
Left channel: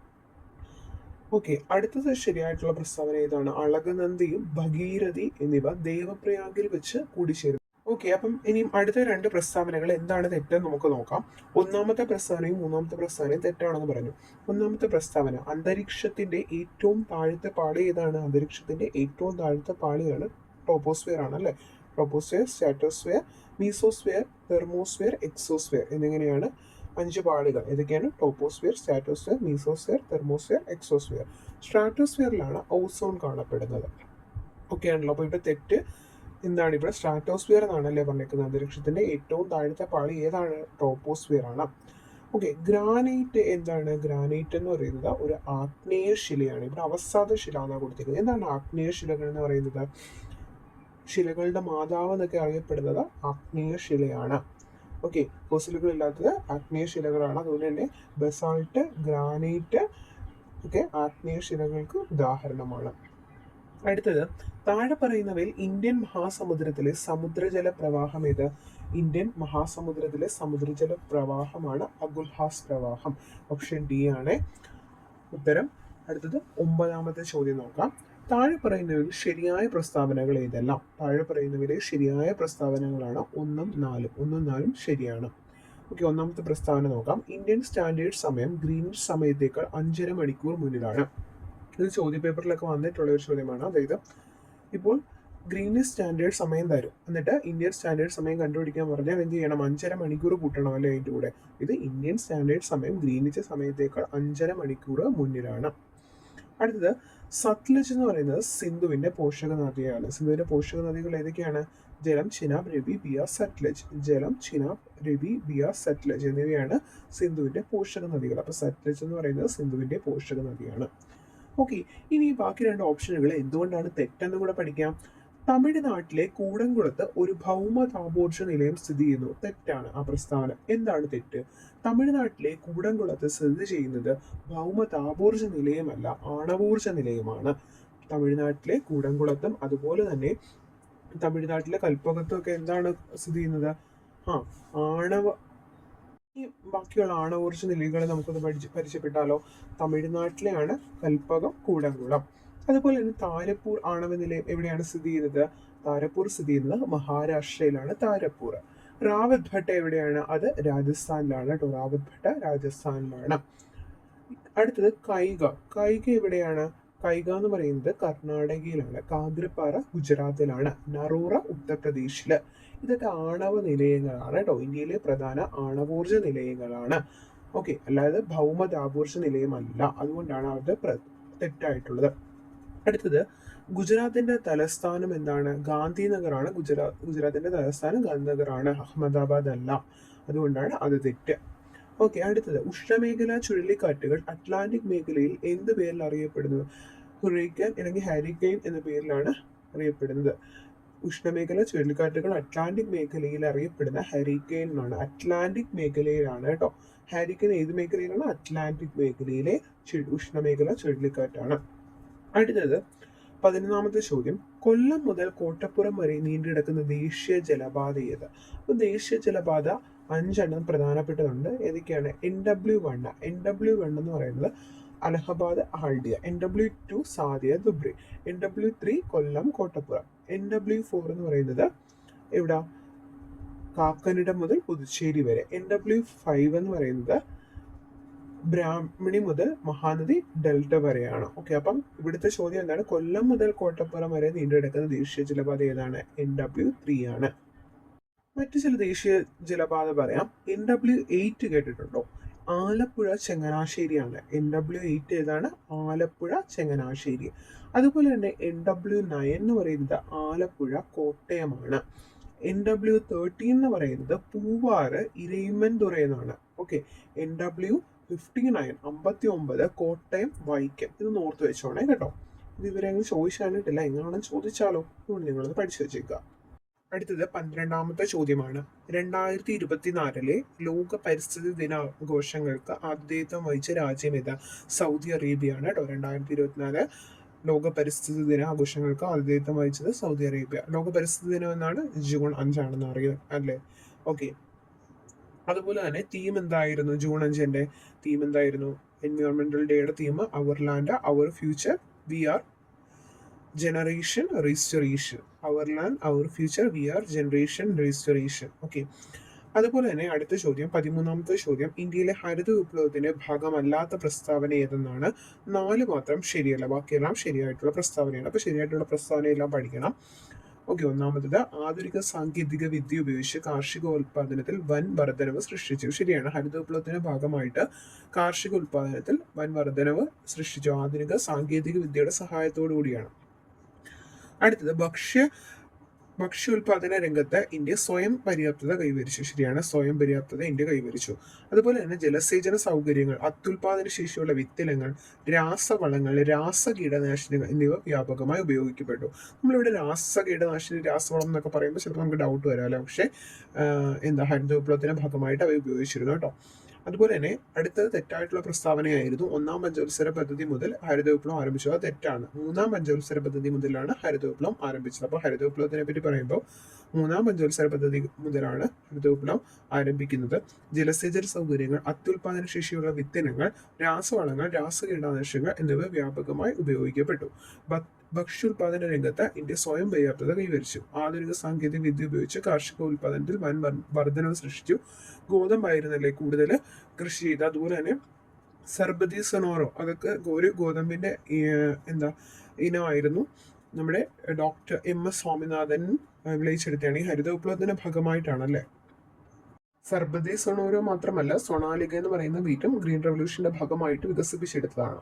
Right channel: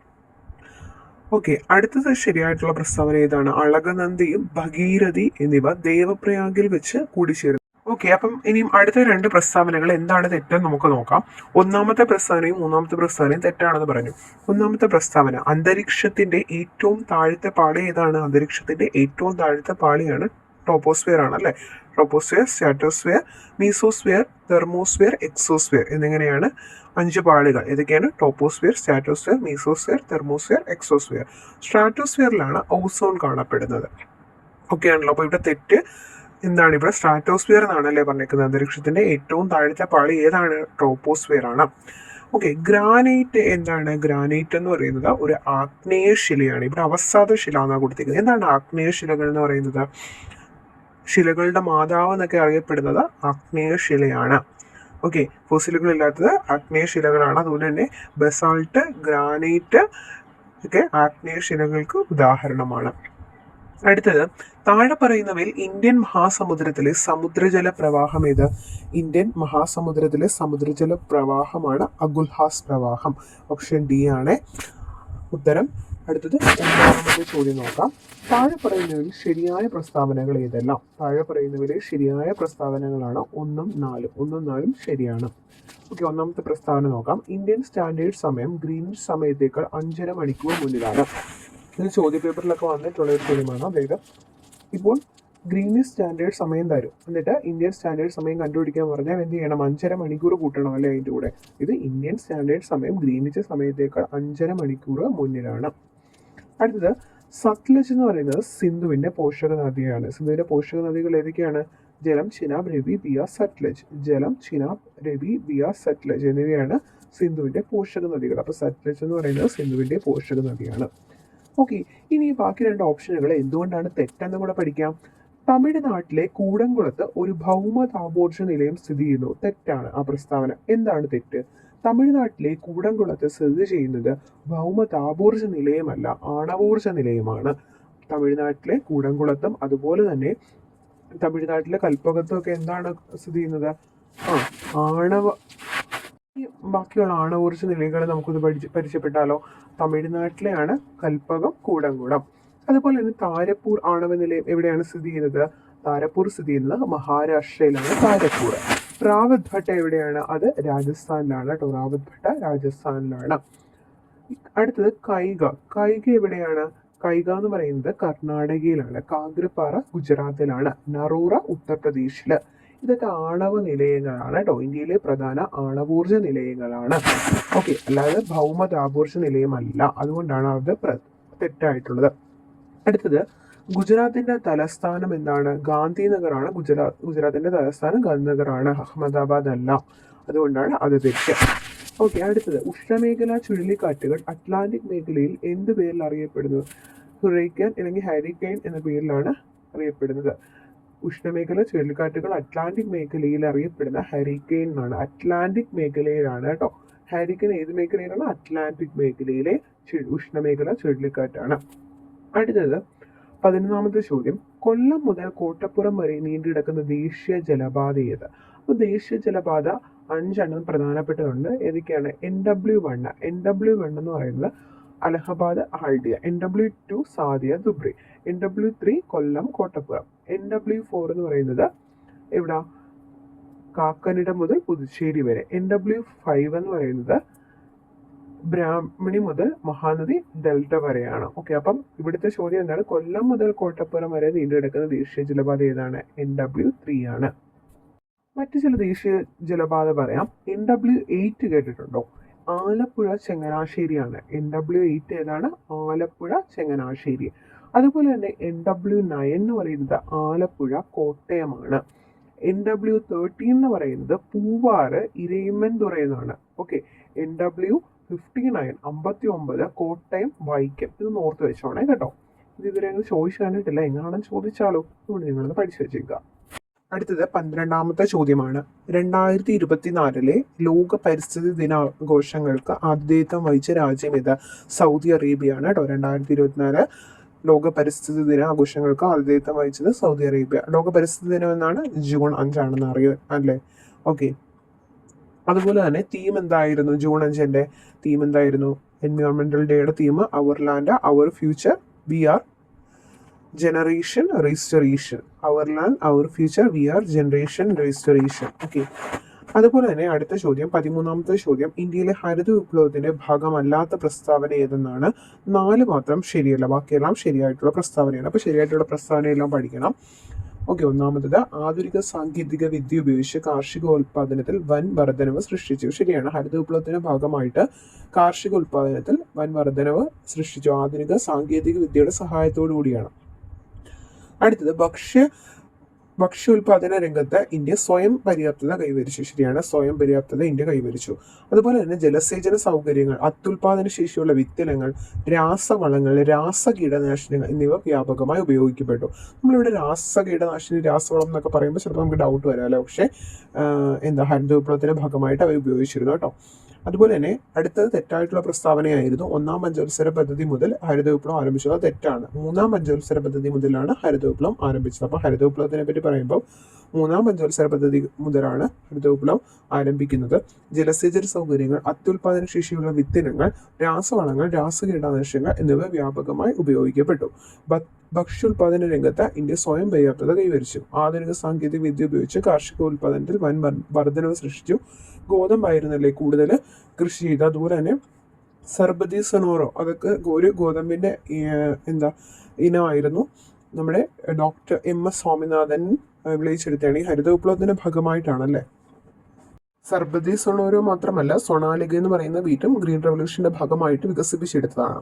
ഓക്കെ, അടുത്തത് ശരിയായിട്ടുള്ള പ്രസ്താവന ഏതാണ്? അളകനന്ദയും ഭഗീരഥി എന്നിവ ദേവപ്രയാഗിൽ വെച്ച് കൂടിച്ചേരുന്നു. ഓക്കെ, അപ്പം ഇനിയും അടുത്ത രണ്ട് പ്രസ്താവനകൾ എന്താണ് തെറ്റെന്ന് നമുക്ക് നോക്കാം. ഒന്നാമത്തെ പ്രസ്താവനയും മൂന്നാമത്തെ പ്രസ്താവനയും തെറ്റാണെന്ന് പറഞ്ഞു. ഒന്നാമത്തെ പ്രസ്താവന, അന്തരീക്ഷത്തിന്റെ ഏറ്റവും താഴത്തെ പാളി ഏതാണ്? അന്തരീക്ഷത്തിന്റെ ഏറ്റവും താഴത്തെ പാളിയാണ് ടോപ്പോസ്ഫിയർ ആണ് അല്ലെ. Troposphere, stratosphere, mesosphere, thermosphere, exosphere എന്നിങ്ങനെയാണ് 5 പാളികൾ. ഏതൊക്കെയാണ്? Troposphere, stratosphere, mesosphere, thermosphere, exosphere. സ്ട്രാറ്റോസ്ഫിയറിലാണ് ഓസോൺ കാണപ്പെടുന്നത്. ഓക്കെ ആണല്ലോ. അപ്പോൾ ഇവിടെ തെറ്റ് എന്താണ്? ഇവിടെ സ്ട്രാറ്റോസ്ഫിയർ എന്നാണല്ലേ പറഞ്ഞിരിക്കുന്നത്. അന്തരീക്ഷത്തിന്റെ ഏറ്റവും താഴത്തെ പാളി ഏതാണ്? ട്രോപ്പോസ്ഫിയർ ആണ്. ഓക്കെ, ഗ്രാനൈറ്റ് എന്താണ്? ഗ്രാനൈറ്റ് എന്ന് പറയുന്നത് ഒരു ആഗ്നേയ ശിലയാണ്. ഇവിടെ അവസാദ ശില എന്നാണ് കൊടുത്തിരിക്കുന്നത്. എന്താണ് ആഗ്നേയ ശിലകൾ എന്ന് പറയുന്നത്? ശിലകളുടെ മാതാവ് എന്നൊക്കെ അറിയപ്പെടുന്നത് ആഗ്നേയ ശിലയാണ്. ഓക്കെ, ഫോസിലുകൾ ഇല്ലാത്തത് ആഗ്നേയ ശിലകളാണ്. അതുപോലെ തന്നെ ബസാൾട്ട്, ഗ്രാനൈറ്റ് ഒക്കെ ആഗ്നേയ ശിലകൾക്ക് ഉദാഹരണമാണ്. അടുത്തത്, താഴെ പറയുന്നവയിൽ ഇന്ത്യൻ മഹാസമുദ്രത്തിലെ സമുദ്രജല പ്രവാഹം ഏത്? ഇന്ത്യൻ മഹാസമുദ്രത്തിലെ സമുദ്രജല പ്രവാഹമാണ് അഗുൽഹാസ് പ്രവാഹം. ഓപ്ഷൻ ഡി ആണ് ഉത്തരം. അടുത്തത് 9ാമത്തെ ചോദ്യം നോക്കാം. താഴെ പറയുന്നവയിൽ ശരിയായ പ്രസ്താവനകൾ ഏതെല്ലാം? താഴെ പറയുന്നവയിലെ ശരിയായ പ്രസ്താവനകളാണ് 1ഉം 4ഉം. 1ഉം 4ഉം ശരിയാണ്. ഓക്കെ, ഒന്നാമത്തെ പ്രസ്താവന നോക്കാം. ഇന്ത്യൻ സ്റ്റാൻഡേർഡ് സമയം ഗ്രീനിഷ് സമയത്തേക്കാൾ 5.5 മണിക്കൂർ മുന്നിലാണ്. ഇത് ചോദ്യപേപ്പറിലൊക്കെ വന്നിട്ടുള്ള ഒരു ചോദ്യമാണ്. വേഗം ഇപ്പോൾ ഗ്രീനിഷ് സ്റ്റാൻഡേർഡ് സമയം തരും, എന്നിട്ട് ഇന്ത്യൻ സ്റ്റാൻഡേർഡ് സമയം കണ്ടുപിടിക്കാൻ പറഞ്ഞാൽ എന്ത് ചെയ്യണം? 5.5 മണിക്കൂർ കൂട്ടണം അല്ലേ അതിൻ്റെ കൂടെ. ഇത് ഇന്ത്യൻ സ്റ്റാൻഡേർഡ് സമയം ഗ്രീനിഷ് സമയത്തേക്കാൾ 5.5 മണിക്കൂർ മുന്നിലാണ്. അടുത്തത്, സത്ലജ് എന്ന് പറയുന്നത് സിന്ധുവിന്റെ പോഷക നദിയാണ്. സിന്ധുവിന്റെ പോഷക നദികൾ ഏതൊക്കെയാണ്? ജലം, ചിനാബ്, രവി, ബിയാസ്, സത്ലജ്. ജലം, ചിനാബ്, രവി, ബിയാസ്, സത്ലജ് എന്നിവയാണ് സിന്ധുവിന്റെ പോഷക നദികൾ. അപ്പൊ സത്ലജ് എന്ന് പറയുന്നത് സിന്ധുവിന്റെ പോഷക നദിയാണ്. ഓക്കെ, ഇനി ബാക്കി രണ്ട് ഓപ്ഷനുകൾ എന്തുകൊണ്ടാണ് തെറ്റെന്ന് കൂടെ പഠിക്കാം. തമിഴ്നാട്ടിലെ കൂടംകുളത്ത് ഒരു ഭൗമ താപോർജ നിലയം സ്ഥിതി ചെയ്യുന്നു. തെറ്റാണ് ആ പ്രസ്താവന. എന്താണ് തെറ്റ്? തമിഴ്നാട്ടിലെ കൂടംകുളത്ത് സ്ഥിതി ചെയ്യുന്നത് ഭൗമ താപോർജ നിലയമല്ല, ആണവോർജ നിലയമാണ്. തമിഴ്നാട്ടിലെ കൂടംകുളത്തും അതുപോലെ തന്നെ തമിഴ്നാട്ടിലെ കൽപ്പകത്തും ഒക്കെ എന്താണ് സ്ഥിതി ചെയ്യുന്നത്? ബാക്കിയുള്ള ആണവോർജ നിലയങ്ങളെ നമുക്കൊന്ന് പരിചയപ്പെട്ടാലോ? തമിഴ്നാട്ടിലെയാണ് കൽപ്പകം, കൂടംകുളം. അതുപോലെ തന്നെ താരപ്പൂർ ആണവ നിലയം എവിടെയാണ് സ്ഥിതി ചെയ്യുന്നത്? താരപ്പൂർ സ്ഥിതി ചെയ്യുന്നത് മഹാരാഷ്ട്രയിലാണ് താരപ്പൂർ. റാവത്ത് ഭട്ട എവിടെയാണ്? അത് രാജസ്ഥാനിലാണ് കേട്ടോ. റാവത്ത് ഭട്ട രാജസ്ഥാനിലാണ്. അടുത്തത് കൈഗ. കൈഗ എവിടെയാണ്? കൈഗ എന്ന് പറയുന്നത് കർണാടകയിലാണ്. കാഗ്രപ്പാറ ഗുജറാത്തിലാണ്. നറൂറ ഉത്തർപ്രദേശില്. ഇതൊക്കെ ആണവ നിലയങ്ങളാണ് കേട്ടോ. ഇന്ത്യയിലെ പ്രധാന ആണവോർജ നിലയങ്ങളാണ്. ഓക്കെ, അല്ലാതെ ഭൗമ താപോർജ നിലയമല്ല. അതുകൊണ്ടാണ് അത് തെറ്റായിട്ടുള്ളത്. അടുത്തത്, ഗുജറാത്തിന്റെ തലസ്ഥാനം എന്താണ്? ഗാന്ധിനഗറാണ് ഗുജറാത്തിന്റെ തലസ്ഥാനം ഗാന്ധിനഗറാണ്, അഹമ്മദാബാദ് അല്ല. അതുകൊണ്ടാണ് അത് തെറ്റ്. ഓക്കെ, അടുത്തത്, ഉഷ്ണമേഖലാ ചുഴലിക്കാറ്റുകൾ അറ്റ്ലാന്റിക് മേഖലയിൽ എന്ത് പേരിൽ അറിയപ്പെടുന്നു? ഹുറൈക്കൻ അല്ലെങ്കിൽ ഹാരിക്കെയിൻ എന്ന പേരിലാണ് അറിയപ്പെടുന്നത്. ഉഷ്ണമേഖല ചുഴലിക്കാറ്റുകൾ അറ്റ്ലാന്റിക് മേഖലയിൽ അറിയപ്പെടുന്ന ഹരിക്കെയിൻ ആണ്. അറ്റ്ലാന്റിക് മേഖലയിലാണ് കേട്ടോ. ഹാരിക്കെയിൻ ഏത് മേഖലയിലാണ്? അറ്റ്ലാന്റിക് മേഖലയിലെ ഉഷ്ണമേഖല ചുഴലിക്കാറ്റാണ്. അടുത്തത് 11ാമത്തെ ചോദ്യം. കൊല്ലം മുതൽ കോട്ടപ്പുറം വരെ നീണ്ടുകിടക്കുന്ന ദേശീയ ജലപാത ഏത്? അപ്പോൾ ദേശീയ ജലപാത 5 പ്രധാനപ്പെട്ടതുണ്ട്. ഏതൊക്കെയാണ്? NW1. NW1 എന്ന് പറയുന്നത് അലഹബാദ് ഹാൽഡിയ. NW2 സാദിയ ദുബ്രി. NW3 കൊല്ലം കോട്ടപ്പുറം. NW4 എന്ന് പറയുന്നത് എവിടെ? കാക്കനിടം മുതൽ പുതുച്ചേരി വരെ. NW5 എന്ന് പറയുന്നത് ബ്രാഹ്മണി മുതൽ മഹാനദി ഡെൽറ്റ വരെയാണ്. ഓക്കെ, അപ്പം ഇവിടുത്തെ ചോദ്യം എന്താണ്? കൊല്ലം മുതൽ കോട്ടപ്പുറം വരെ നീണ്ടുകിടക്കുന്ന ദേശീയ ജലപാത ഏതാണ്? NW3 ആണ്. മറ്റു ചില ദേശീയ ജലപാത പറയാം. NW8 കേട്ടിട്ടുണ്ടോ? ആലപ്പുഴ ചങ്ങനാശ്ശേരിയാണ്. NW8 ഏതാണ്? ആലപ്പുഴ ചങ്ങനാശ്ശേരി. അതുപോലെ തന്നെ NW9 എന്ന് പറയുന്നത് ആലപ്പുഴ കോട്ടയമാണ്. NW13 എന്ന് പറയുന്നത് പൂവാറ് ഇരയിമ്മൻതുറ എന്നാണ്. Okay, NW59 59 Kottayam Vaikom. ഇത് ഓർത്ത് വെച്ചോണേ കേട്ടോ. ഇത് ഇതുവരെ അങ്ങനെ ചോദിച്ചു കണ്ടിട്ടില്ല. എങ്ങനെയാണെന്ന് ചോദിച്ചാലോ? ഇവിടെ നിങ്ങളത് പഠിച്ചു വെച്ചേക്കുക. അടുത്തത് 12ാമത്തെ ചോദ്യമാണ്. 2024 ലോക പരിസ്ഥിതി ദിനാഘോഷങ്ങൾക്ക് ആതിഥേയത്വം വഹിച്ച രാജ്യം ഏത്? സൗദി അറേബ്യയാണ് കേട്ടോ. 2024 ലോക പരിസ്ഥിതി ദിനാഘോഷങ്ങൾക്ക് ആതിഥേയത്വം വഹിച്ചത് സൗദി അറേബ്യ. ലോക പരിസ്ഥിതി ദിനം എന്നാണ് ജൂൺ 5 അറിയോ അല്ലേ? ഓക്കെ, അതുപോലെ തന്നെ തീം എന്തായിരുന്നു? ജൂൺ 5 തീം എന്തായിരുന്നു? എൻവയോൺമെന്റൽ ഡേയുടെ theme our land our future we are generation restoration. Our land our future, we are generation restoration. Okay. അതുപോലെ തന്നെ അടുത്ത ചോദ്യം, 13ാമത്തെ ചോദ്യം, ഇന്ത്യയിലെ ഹരിത വിപ്ലവത്തിന്റെ ഭാഗമല്ലാത്ത പ്രസ്താവന ഏതെന്നാണ്? 4 മാത്രം ശരിയല്ല, ബാക്കിയെല്ലാം ശരിയായിട്ടുള്ള പ്രസ്താവനയാണ്. അപ്പോൾ ശരിയായിട്ടുള്ള പ്രസ്താവനയെല്ലാം പഠിക്കണം. ഓക്കെ. ഒന്നാമത്തത്, ആധുനിക സാങ്കേതിക വിദ്യ ഉപയോഗിച്ച് കാർഷികോൽപാദനത്തിൽ വൻ വർധനവ് സൃഷ്ടിച്ചു. ശരിയാണ്. ഹരിത വിപ്ലവത്തിന്റെ ഭാഗമായിട്ട് കാർഷിക ഉൽപാദനത്തിൽ വൻ വർധനവ് സൃഷ്ടിച്ചു, ആധുനിക സാങ്കേതിക വിദ്യയുടെ സഹായത്തോടു കൂടിയാണ്. അടുത്തത്, ഭക്ഷ്യോൽപാദന രംഗത്ത് ഇന്ത്യ സ്വയം പര്യാപ്തത കൈവരിച്ചു. ശരിയാണ്. സ്വയം പര്യാപ്തത ഇന്ത്യ കൈവരിച്ചു. അതുപോലെ തന്നെ ജലസേചന സൗകര്യങ്ങൾ, അത്യുൽപാദന ശേഷിയുള്ള വിത്തിനങ്ങൾ, രാസവളങ്ങൾ, രാസകീടനാശിനികൾ എന്നിവ വ്യാപകമായി ഉപയോഗിക്കപ്പെട്ടു. നമ്മളിവിടെ രാസകീടനാശിനി, രാസവളം എന്നൊക്കെ പറയുമ്പോൾ ചിലപ്പോൾ നമുക്ക് ഡൗട്ട് വരാമല്ലോ. പക്ഷേ ഹരിത വിപ്ലവത്തിന്റെ ഭാഗമായിട്ട് അവ ഉപയോഗിച്ചിരുന്നു കേട്ടോ. അതുപോലെ തന്നെ അടുത്തത് തെറ്റായിട്ടുള്ള പ്രസ്താവനയായിരുന്നു. 1ാം പഞ്ചവത്സര പദ്ധതി മുതൽ ഹരിത വിപ്ലവം ആരംഭിച്ചത്. അത് തെറ്റാണ്. 3ാം പഞ്ചവത്സര പദ്ധതി മുതലാണ് ഹരിത വിപ്ലവം ആരംഭിച്ചത്. അപ്പോൾ ഹരിത വിപ്ലവത്തിനെ പറ്റി പറയുമ്പോൾ 3ാം പഞ്ചവത്സര പദ്ധതി മുതലാണ് ഹരിത വിപ്ലവം ആരംഭിക്കുന്നത്. ജലസേചന സൗകര്യങ്ങൾ, അത്യുൽപാദന ശേഷിയുള്ള വിത്തിനങ്ങൾ, രാസവളങ്ങൾ, രാസകീടനാശിനികൾ എന്നിവ വ്യാപകമായി ഉപയോഗിക്കപ്പെട്ടു. ഭക്ഷ്യോൽപാദന രംഗത്ത് ഇന്ത്യ സ്വയം പര്യാപ്തത കൈവരിച്ചു. ആധുനിക സാങ്കേതിക വിദ്യ ഉപയോഗിച്ച് കാർഷികോൽപാദനത്തിൽ വൻ വർധനവ് സൃഷ്ടിച്ചു. ഗോതമ്പായിരുന്നല്ലേ കൂടുതൽ കൃഷി ചെയ്ത്. അതുപോലെ തന്നെ സർബതി സൊനോറോ, അതൊക്കെ ഒരു ഗോതമ്പിന്റെ ഇനമായിരുന്നു. നമ്മുടെ ഡോക്ടർ MS സ്വാമിനാഥൻ വിളിച്ചെടുത്താണ്. ഈ ഹരിത വിപ്ലവത്തിന്റെ ഭാഗമായിട്ടാണല്ലേ. സർബതി സൊണോരോ മാത്രമല്ല, സൊണാലിക എന്ന് പറയുന്ന വീറ്റും ഗ്രീൻ റവല്യൂഷന്റെ ഭാഗമായിട്ട് വികസിപ്പിച്ചെടുത്തതാണ്.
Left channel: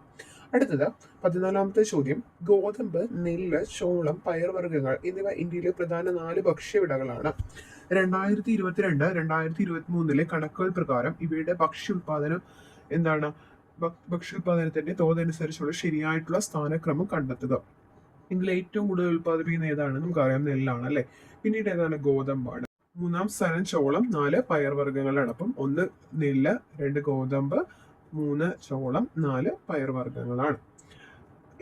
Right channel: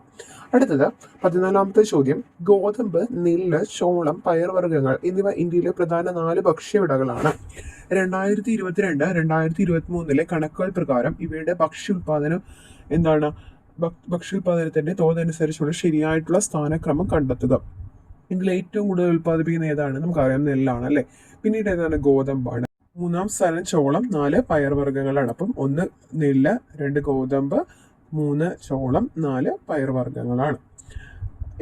അടുത്തത് 14ാമത്തെ ചോദ്യം, ഗോതമ്പ്, നെല്ല്, ചോളം, പയർവർഗ്ഗങ്ങൾ എന്നിവ ഇന്ത്യയിലെ പ്രധാന 4 ഭക്ഷ്യവിളകളാണ്. 2022-2023 കണക്കുകൾ പ്രകാരം ഇവയുടെ ഭക്ഷ്യോൽപാദനം ഭക്ഷ്യോൽപാദനത്തിന്റെ തോതനുസരിച്ചുള്ള ശരിയായിട്ടുള്ള സ്ഥാനക്രമം കണ്ടെത്തുക. ഇതിൽ ഏറ്റവും കൂടുതൽ ഉൽപ്പാദിപ്പിക്കുന്ന ഏതാണ്? നമുക്കറിയാം, നെല്ലാണ് അല്ലെ. പിന്നീട് ഏതാണ്? ഗോതമ്പാണ്. 3ാം സ്ഥാനം ചോളം, 4 പയർവർഗ്ഗങ്ങളാണ്. അപ്പം 1 നെല്ല്, 2 ഗോതമ്പ്, 3 ചോളം, 4 പയർവർഗ്ഗങ്ങളാണ്.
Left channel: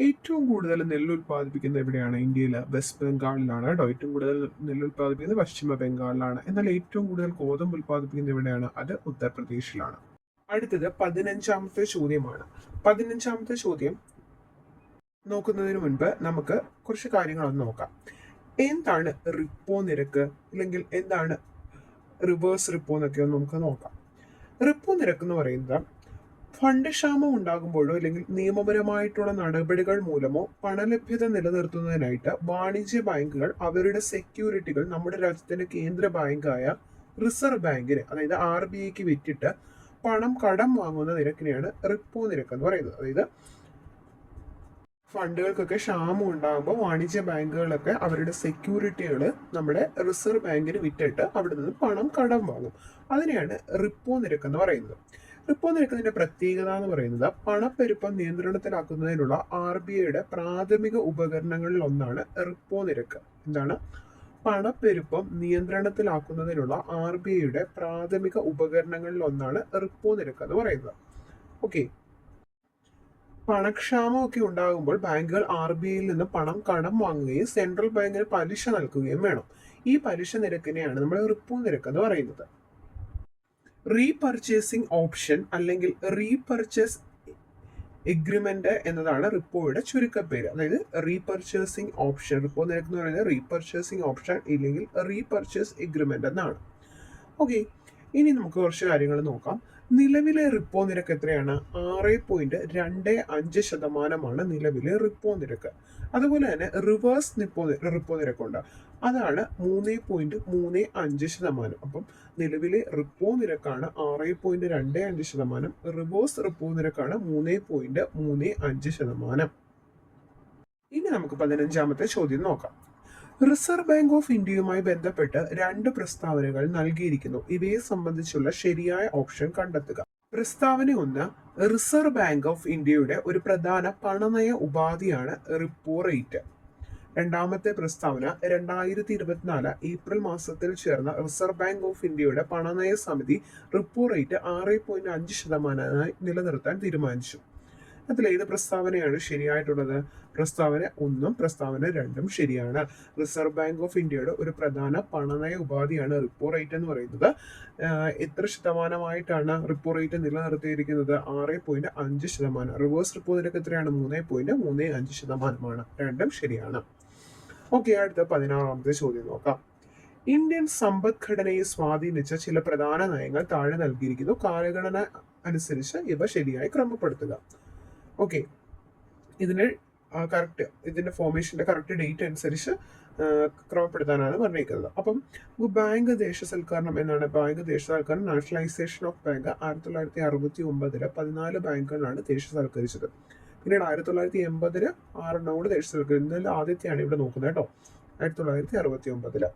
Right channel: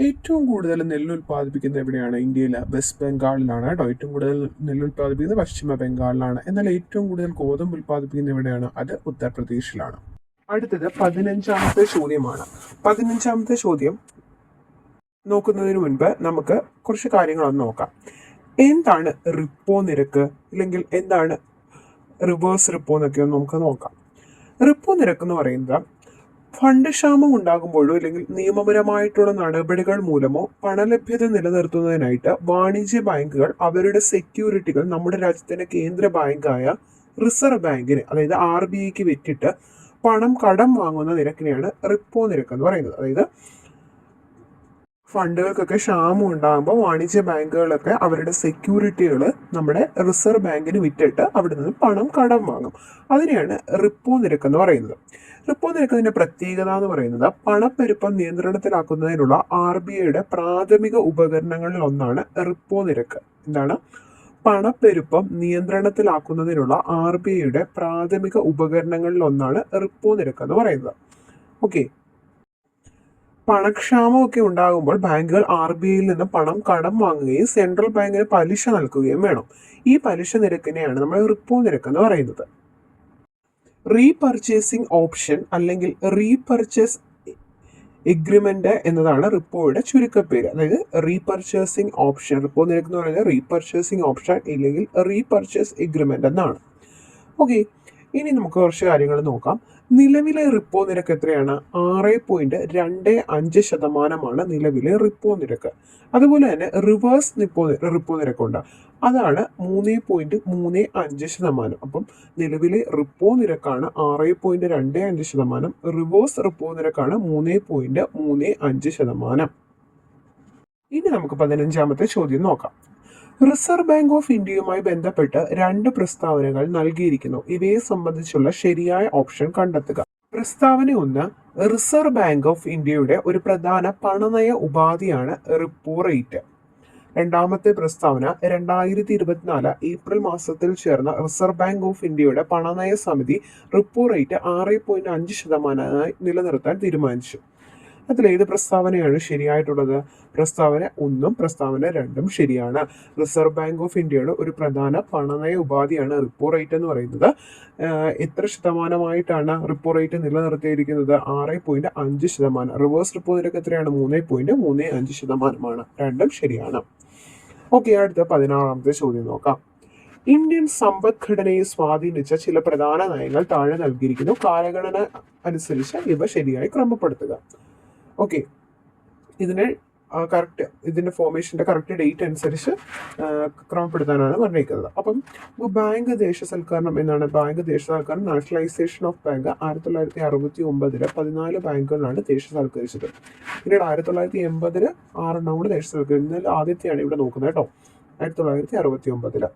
ഏറ്റവും കൂടുതൽ നെല്ല് ഉൽപ്പാദിപ്പിക്കുന്നത് എവിടെയാണ്? ഇന്ത്യയിൽ വെസ്റ്റ് ബംഗാളിലാണ് കേട്ടോ. ഏറ്റവും കൂടുതൽ നെല്ല് ഉൽപ്പാദിപ്പിക്കുന്നത് പശ്ചിമ ബംഗാളിലാണ്. എന്നാൽ ഏറ്റവും കൂടുതൽ ഗോതമ്പ് ഉൽപ്പാദിപ്പിക്കുന്നത് എവിടെയാണ്? അത് ഉത്തർപ്രദേശിലാണ്. അടുത്തത് 15ാമത്തെ ചോദ്യമാണ്. 15ാമത്തെ ചോദ്യം നോക്കുന്നതിന് മുൻപ് നമുക്ക് കുറച്ച് കാര്യങ്ങളൊന്ന് നോക്കാം. എന്താണ് റിപ്പോ നിരക്ക്, അല്ലെങ്കിൽ എന്താണ് റിവേഴ്സ് റിപ്പോ എന്നൊക്കെ ഒന്ന് നമുക്ക് നോക്കാം. റിപ്പോ നിരക്ക് എന്ന് പറയുന്നത് ഫണ്ട് ക്ഷാമം ഉണ്ടാകുമ്പോഴോ അല്ലെങ്കിൽ നിയമപരമായിട്ടുള്ള നടപടികൾ മൂലമോ പണലഭ്യത നിലനിർത്തുന്നതിനായിട്ട് വാണിജ്യ ബാങ്കുകൾ അവരുടെ സെക്യൂരിറ്റികൾ നമ്മുടെ രാജ്യത്തിന്റെ കേന്ദ്ര ബാങ്കായ റിസർവ് ബാങ്കിന്, അതായത് RBIക്ക് വിറ്റിട്ട് പണം കടം വാങ്ങുന്ന നിരക്കിനെയാണ് റിപ്പോ നിരക്ക് എന്ന് പറയുന്നത്. അതായത് ഫണ്ടുകൾക്കൊക്കെ ക്ഷാമം ഉണ്ടാകുമ്പോൾ വാണിജ്യ ബാങ്കുകളൊക്കെ അവരുടെ സെക്യൂരിറ്റികൾ നമ്മുടെ റിസർവ് ബാങ്കിന് വിറ്റിട്ട് അവിടെ നിന്ന് പണം കടം വാങ്ങും. അതിനെയാണ് റിപ്പോ നിരക്ക് എന്ന് പറയുന്നത്. റിപ്പോ നിരക്കിന്റെ പ്രത്യേകത എന്ന് പറയുന്നത് പണപ്പെരുപ്പം നിയന്ത്രണത്തിലാക്കുന്നതിനുള്ള RBIയുടെ പ്രാഥമിക ഉപകരണങ്ങളിൽ ഒന്നാണ് റിപ്പോ നിരക്ക്. എന്താണ്? പണപ്പെരുപ്പം നിയന്ത്രണത്തിലാക്കുന്നതിനുള്ള RBIയുടെ പ്രാഥമിക ഉപകരണങ്ങളിൽ ഒന്നാണ് റിപ്പോ നിരക്ക് എന്ന് പറയുന്നത്. ഓക്കെ. പണക്ഷാമമൊക്കെ ഉണ്ടാകുമ്പോൾ ബാങ്കുകൾ RBIയിൽ നിന്ന് പണം കടം വാങ്ങുകയും സെൻട്രൽ ബാങ്കിന് പലിശ നൽകുകയും വേണം. ഈ പലിശ നിരക്കിനെയാണ് നമ്മൾ റിപ്പോ നിരക്ക് എന്ന് പറയുന്നത്. റീപർച്ചേസിംഗ് ഓപ്ഷൻ അല്ലെങ്കിൽ റീപർച്ചേസ് എഗ്രിമെന്റ് എന്നതാണ് റിപ്പോയുടെ ചുരുക്കപ്പേര്. അതായത് റീപർച്ചേസിംഗ് ഓപ്ഷൻ, റിപ്പോ നിരക്ക് എന്ന് പറയുന്നത് റീപർച്ചേസിംഗ് ഓപ്ഷൻ ഇല്ലെങ്കിൽ റീപർച്ചേസ് എഗ്രിമെന്റ് എന്നാണ്. ഓക്കെ. ഇനി നമുക്ക് കുറച്ച് കാര്യങ്ങൾ നോക്കാം. നിലവിലെ റിപ്പോ നിരക്ക് എത്രയാണ്? 6.25% നിലവിലെ റിപ്പോ നിരക്ക്. അതുപോലെ തന്നെ റിവേഴ്സ് റിപ്പോ നിരക്കുണ്ട്. അതാണ് 3.35%. അപ്പം നിലവിലെ റിപ്പോ നിരക്കാണ് 6.25%, റിവേഴ്സ് റിപ്പോ നിരക്കാണ് 3.35%. ഇനി നമുക്ക് 15ാമത്തെ ചോദ്യം നോക്കാം. റിസർവ് ബാങ്ക് ഓഫ് ഇന്ത്യയുമായി ബന്ധപ്പെട്ട് 2 പ്രസ്താവനകൾ നൽകിയിരിക്കുന്നു. ഇവയെ സംബന്ധിച്ചുള്ള ശരിയായ ഓപ്ഷൻ കണ്ടെത്തുക. പ്രസ്താവന 1, റിസർവ് ബാങ്ക് ഓഫ് ഇന്ത്യയുടെ ഒരു പ്രധാന പണനയ ഉപാധിയാണ് റിപ്പോ റേറ്റ്. രണ്ടാമത്തെ പ്രസ്താവന 2024 ഏപ്രിൽ മാസത്തിൽ ചേർന്ന റിസർവ് ബാങ്ക് ഓഫ് ഇന്ത്യയുടെ പണനയ സമിതി റിപ്പോ റേറ്റ് 6.5% നിലനിർത്താൻ തീരുമാനിച്ചു. അതിലേത് പ്രസ്താവനയാണ് ശരിയായിട്ടുള്ളത്? പ്രസ്താവന 1 പ്രസ്താവന 2 ശരിയാണ്. റിസർവ് ബാങ്ക് ഓഫ് ഇന്ത്യയുടെ ഒരു പ്രധാന പണനയ ഉപാധിയാണ് റിപ്പോ റേറ്റ് എന്ന് പറയുന്നത്. എത്ര ശതമാനമായിട്ടാണ് റിപ്പോ റേറ്റ് നിലനിർത്തിയിരിക്കുന്നത്? 6.5%. റിവേഴ്സ് റിപ്പോ നിരക്ക് എത്രയാണ്? 3.35%. രണ്ടും ശരിയാണ്. ഓക്കെ, അടുത്ത 16ാമത്തെ ചോദ്യം നോക്കാം. ഇന്ത്യൻ സമ്പദ്ഘടനയെ സ്വാധീനിച്ച ചില പ്രധാന നയങ്ങൾ താഴെ നൽകിയിരിക്കുന്നു. കാലഗണന അനുസരിച്ച് ഇവ ശരിയായി ക്രമപ്പെടുത്തുക. ഓക്കെ, ഇതിന്റെ ഫോർമേഷന്റെ കറക്റ്റ് ഡേറ്റ് അനുസരിച്ച് ക്രമപ്പെടുത്താനാണ് പറഞ്ഞിരിക്കുന്നത്. അപ്പം ബാങ്ക് ദേശസൽക്കരണം എന്നാണ്. ബാങ്ക് ദേശസൽക്കരണം, നാഷണലൈസേഷൻ ഓഫ് ബാങ്ക് 1969 14 ബാങ്കുകളാണ് ദേശസൽക്കരിച്ചത്. പിന്നീട് 1980 6 കൂടി ദേശസൽക്കരിച്ചു. എന്നാൽ ആദ്യത്തെയാണ് ഇവിടെ നോക്കുന്നത് കേട്ടോ, 1969.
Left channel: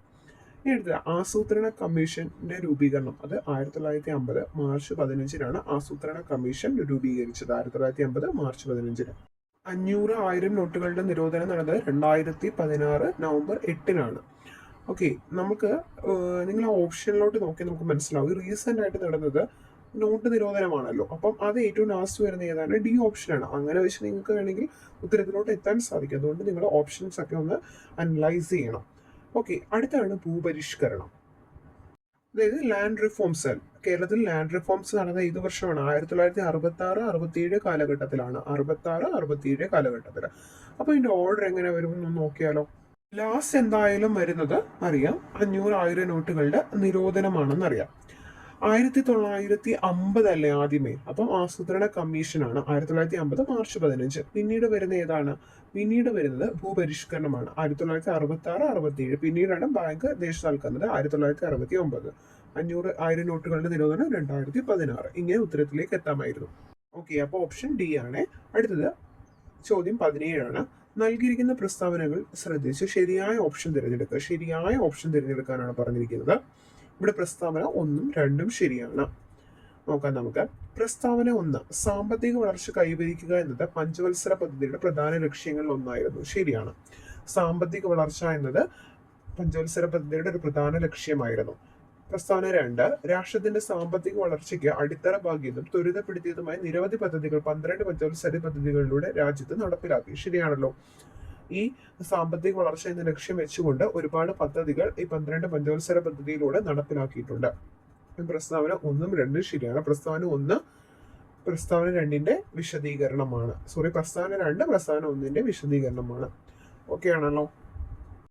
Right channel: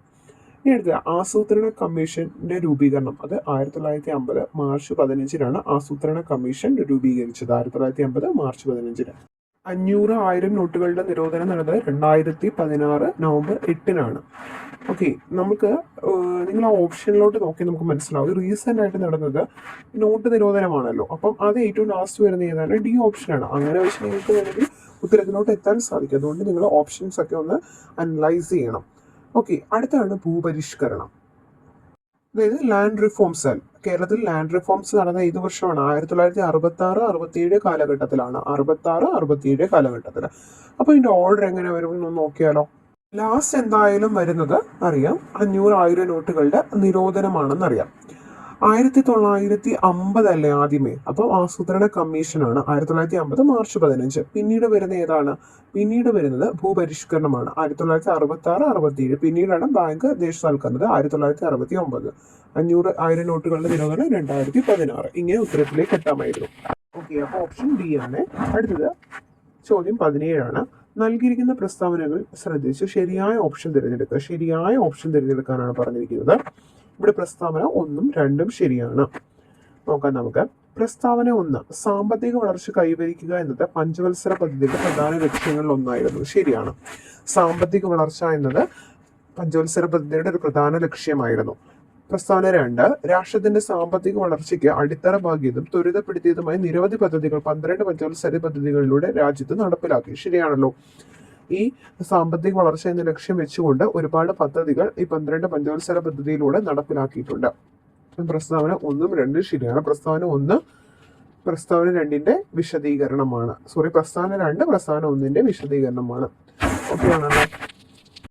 ഇനി അടുത്ത ആസൂത്രണ കമ്മീഷന്റെ രൂപീകരണം. അത് 1950 മാർച്ച് 15 ആസൂത്രണ കമ്മീഷൻ രൂപീകരിച്ചത്. 1950 മാർച്ച് 15. 500, 1000 നോട്ടുകളുടെ നിരോധനം നടന്നത് 2016 നവംബർ 8. ഓക്കെ, നമുക്ക് നിങ്ങൾ ആ ഓപ്ഷനിലോട്ട് നോക്കി നമുക്ക് മനസ്സിലാവും. റീസെന്റ് ആയിട്ട് നടന്നത് നോട്ട് നിരോധനമാണല്ലോ. അപ്പം അത് ഏറ്റവും ലാസ്റ്റ് വരുന്ന ഏതാണ്? ഡി ഓപ്ഷനാണ്. അങ്ങനെ വെച്ച് നിങ്ങൾക്ക് വേണമെങ്കിൽ ഉത്തരത്തിലോട്ട് എത്താൻ സാധിക്കും. അതുകൊണ്ട് നിങ്ങൾ ഓപ്ഷൻസ് ഒക്കെ ഒന്ന് അനലൈസ് ചെയ്യണം. ഓക്കെ, അടുത്താണ് ഭൂപരിഷ്കരണം. അതായത് ലാൻഡ് റിഫോംസ്. കേരളത്തിൽ ലാൻഡ് റിഫോംസ് നടന്ന ഏത് വർഷമാണ്? 1966-67 കാലഘട്ടത്തിലാണ്. 66-67 കാലഘട്ടത്തിൽ. അപ്പൊ ഇതിന്റെ ഓർഡർ എങ്ങനെ വരും എന്ന് നോക്കിയാലോ. ലാസ്റ്റ് എന്തായാലും വരുന്നത് അറിയാം, 500, 1000 നോട്ടുകളുടെ നിരോധനമാണെന്നറിയാം. 1950 അല്ലേ ആദ്യമേ? അപ്പോൾ ആസൂത്രണ കമ്മീഷനാണ് 1950 മാർച്ച് 15. പിന്നീട് വരുന്ന ഏതാണ്? പിന്നീട് വരുന്നത് ഭൂപരിഷ്കരണമാണ് 1966-67. പിന്നീടാണ് ബാങ്ക് ദേശസാൽക്കരണം 1969. 500, 1000 നോട്ടുകളുടെ നിരോധനം 2016. ഇങ്ങനെ ഉത്തരത്തിലേക്ക് എത്താമായിരുന്നു. ഓക്കെ, അപ്പോൾ ഓപ്ഷൻ ഡി ആണ്. അടുത്തത് ചോദ്യം 17. നൽകിയിരിക്കുന്ന പ്രസ്താവനകൾ ശ്രദ്ധിച്ച് ശരിയായ ഓപ്ഷൻ തിരഞ്ഞെടുക്കുക. ശരിയായ ഓപ്ഷൻ തിരഞ്ഞെടുക്കാനാണ് പറഞ്ഞിരിക്കുന്നത്. ഇവിടെ പ്രസ്താവന 1ഉം 2ഉം ശരിയാണ്. നോക്കാം നമുക്ക്. പ്രസ്താവന 1, സാമ്പത്തിക വളർച്ച കൈവരിക്കുക എന്നത് പഞ്ചവത്സര പദ്ധതിയുടെ പ്രധാന ലക്ഷ്യങ്ങളിൽ ഒന്നായിരുന്നു. ശരിയാണ്. സാമ്പത്തിക വളർച്ച എന്നത് പഞ്ചവത്സര പദ്ധതിയുടെ ഒരു പ്രധാന ലക്ഷ്യമായിരുന്നു. പ്രസ്താവന 2, രാഷ്ട്രത്തിന്റെ സാമ്പത്തിക വളർച്ചയ്ക്ക് അടിത്തറ പാകിയതും ത്വരിതപ്പെടുത്തിയതുമായ നിരവധി പദ്ധതികൾ 12 പഞ്ചവത്സര പദ്ധതികളിലൂടെ രാജ്യത്ത് നടപ്പിലാക്കി. ശരിയാണല്ലോ. ഈ സാമ്പത്തിക വളർച്ച എന്ന ലക്ഷ്യം വെച്ചുകൊണ്ട് ഒരുപാട് പദ്ധതികൾ ഈ 12 പഞ്ചവത്സര പദ്ധതിയിലൂടെ നടപ്പിലാക്കിയിട്ടുണ്ട്. പ്രസ്താവന 1ഉം 2ഉം ശരിയാണ്. പ്രസ്താവന 1 പ്രസ്താവന 2ന്റെ വിശദീകരണമാണ്. പ്രസ്താവന 2 പ്രസ്താവന 1ന്റെ വിശദീകരണമാണ്. ഓക്കെ ആണല്ലോ.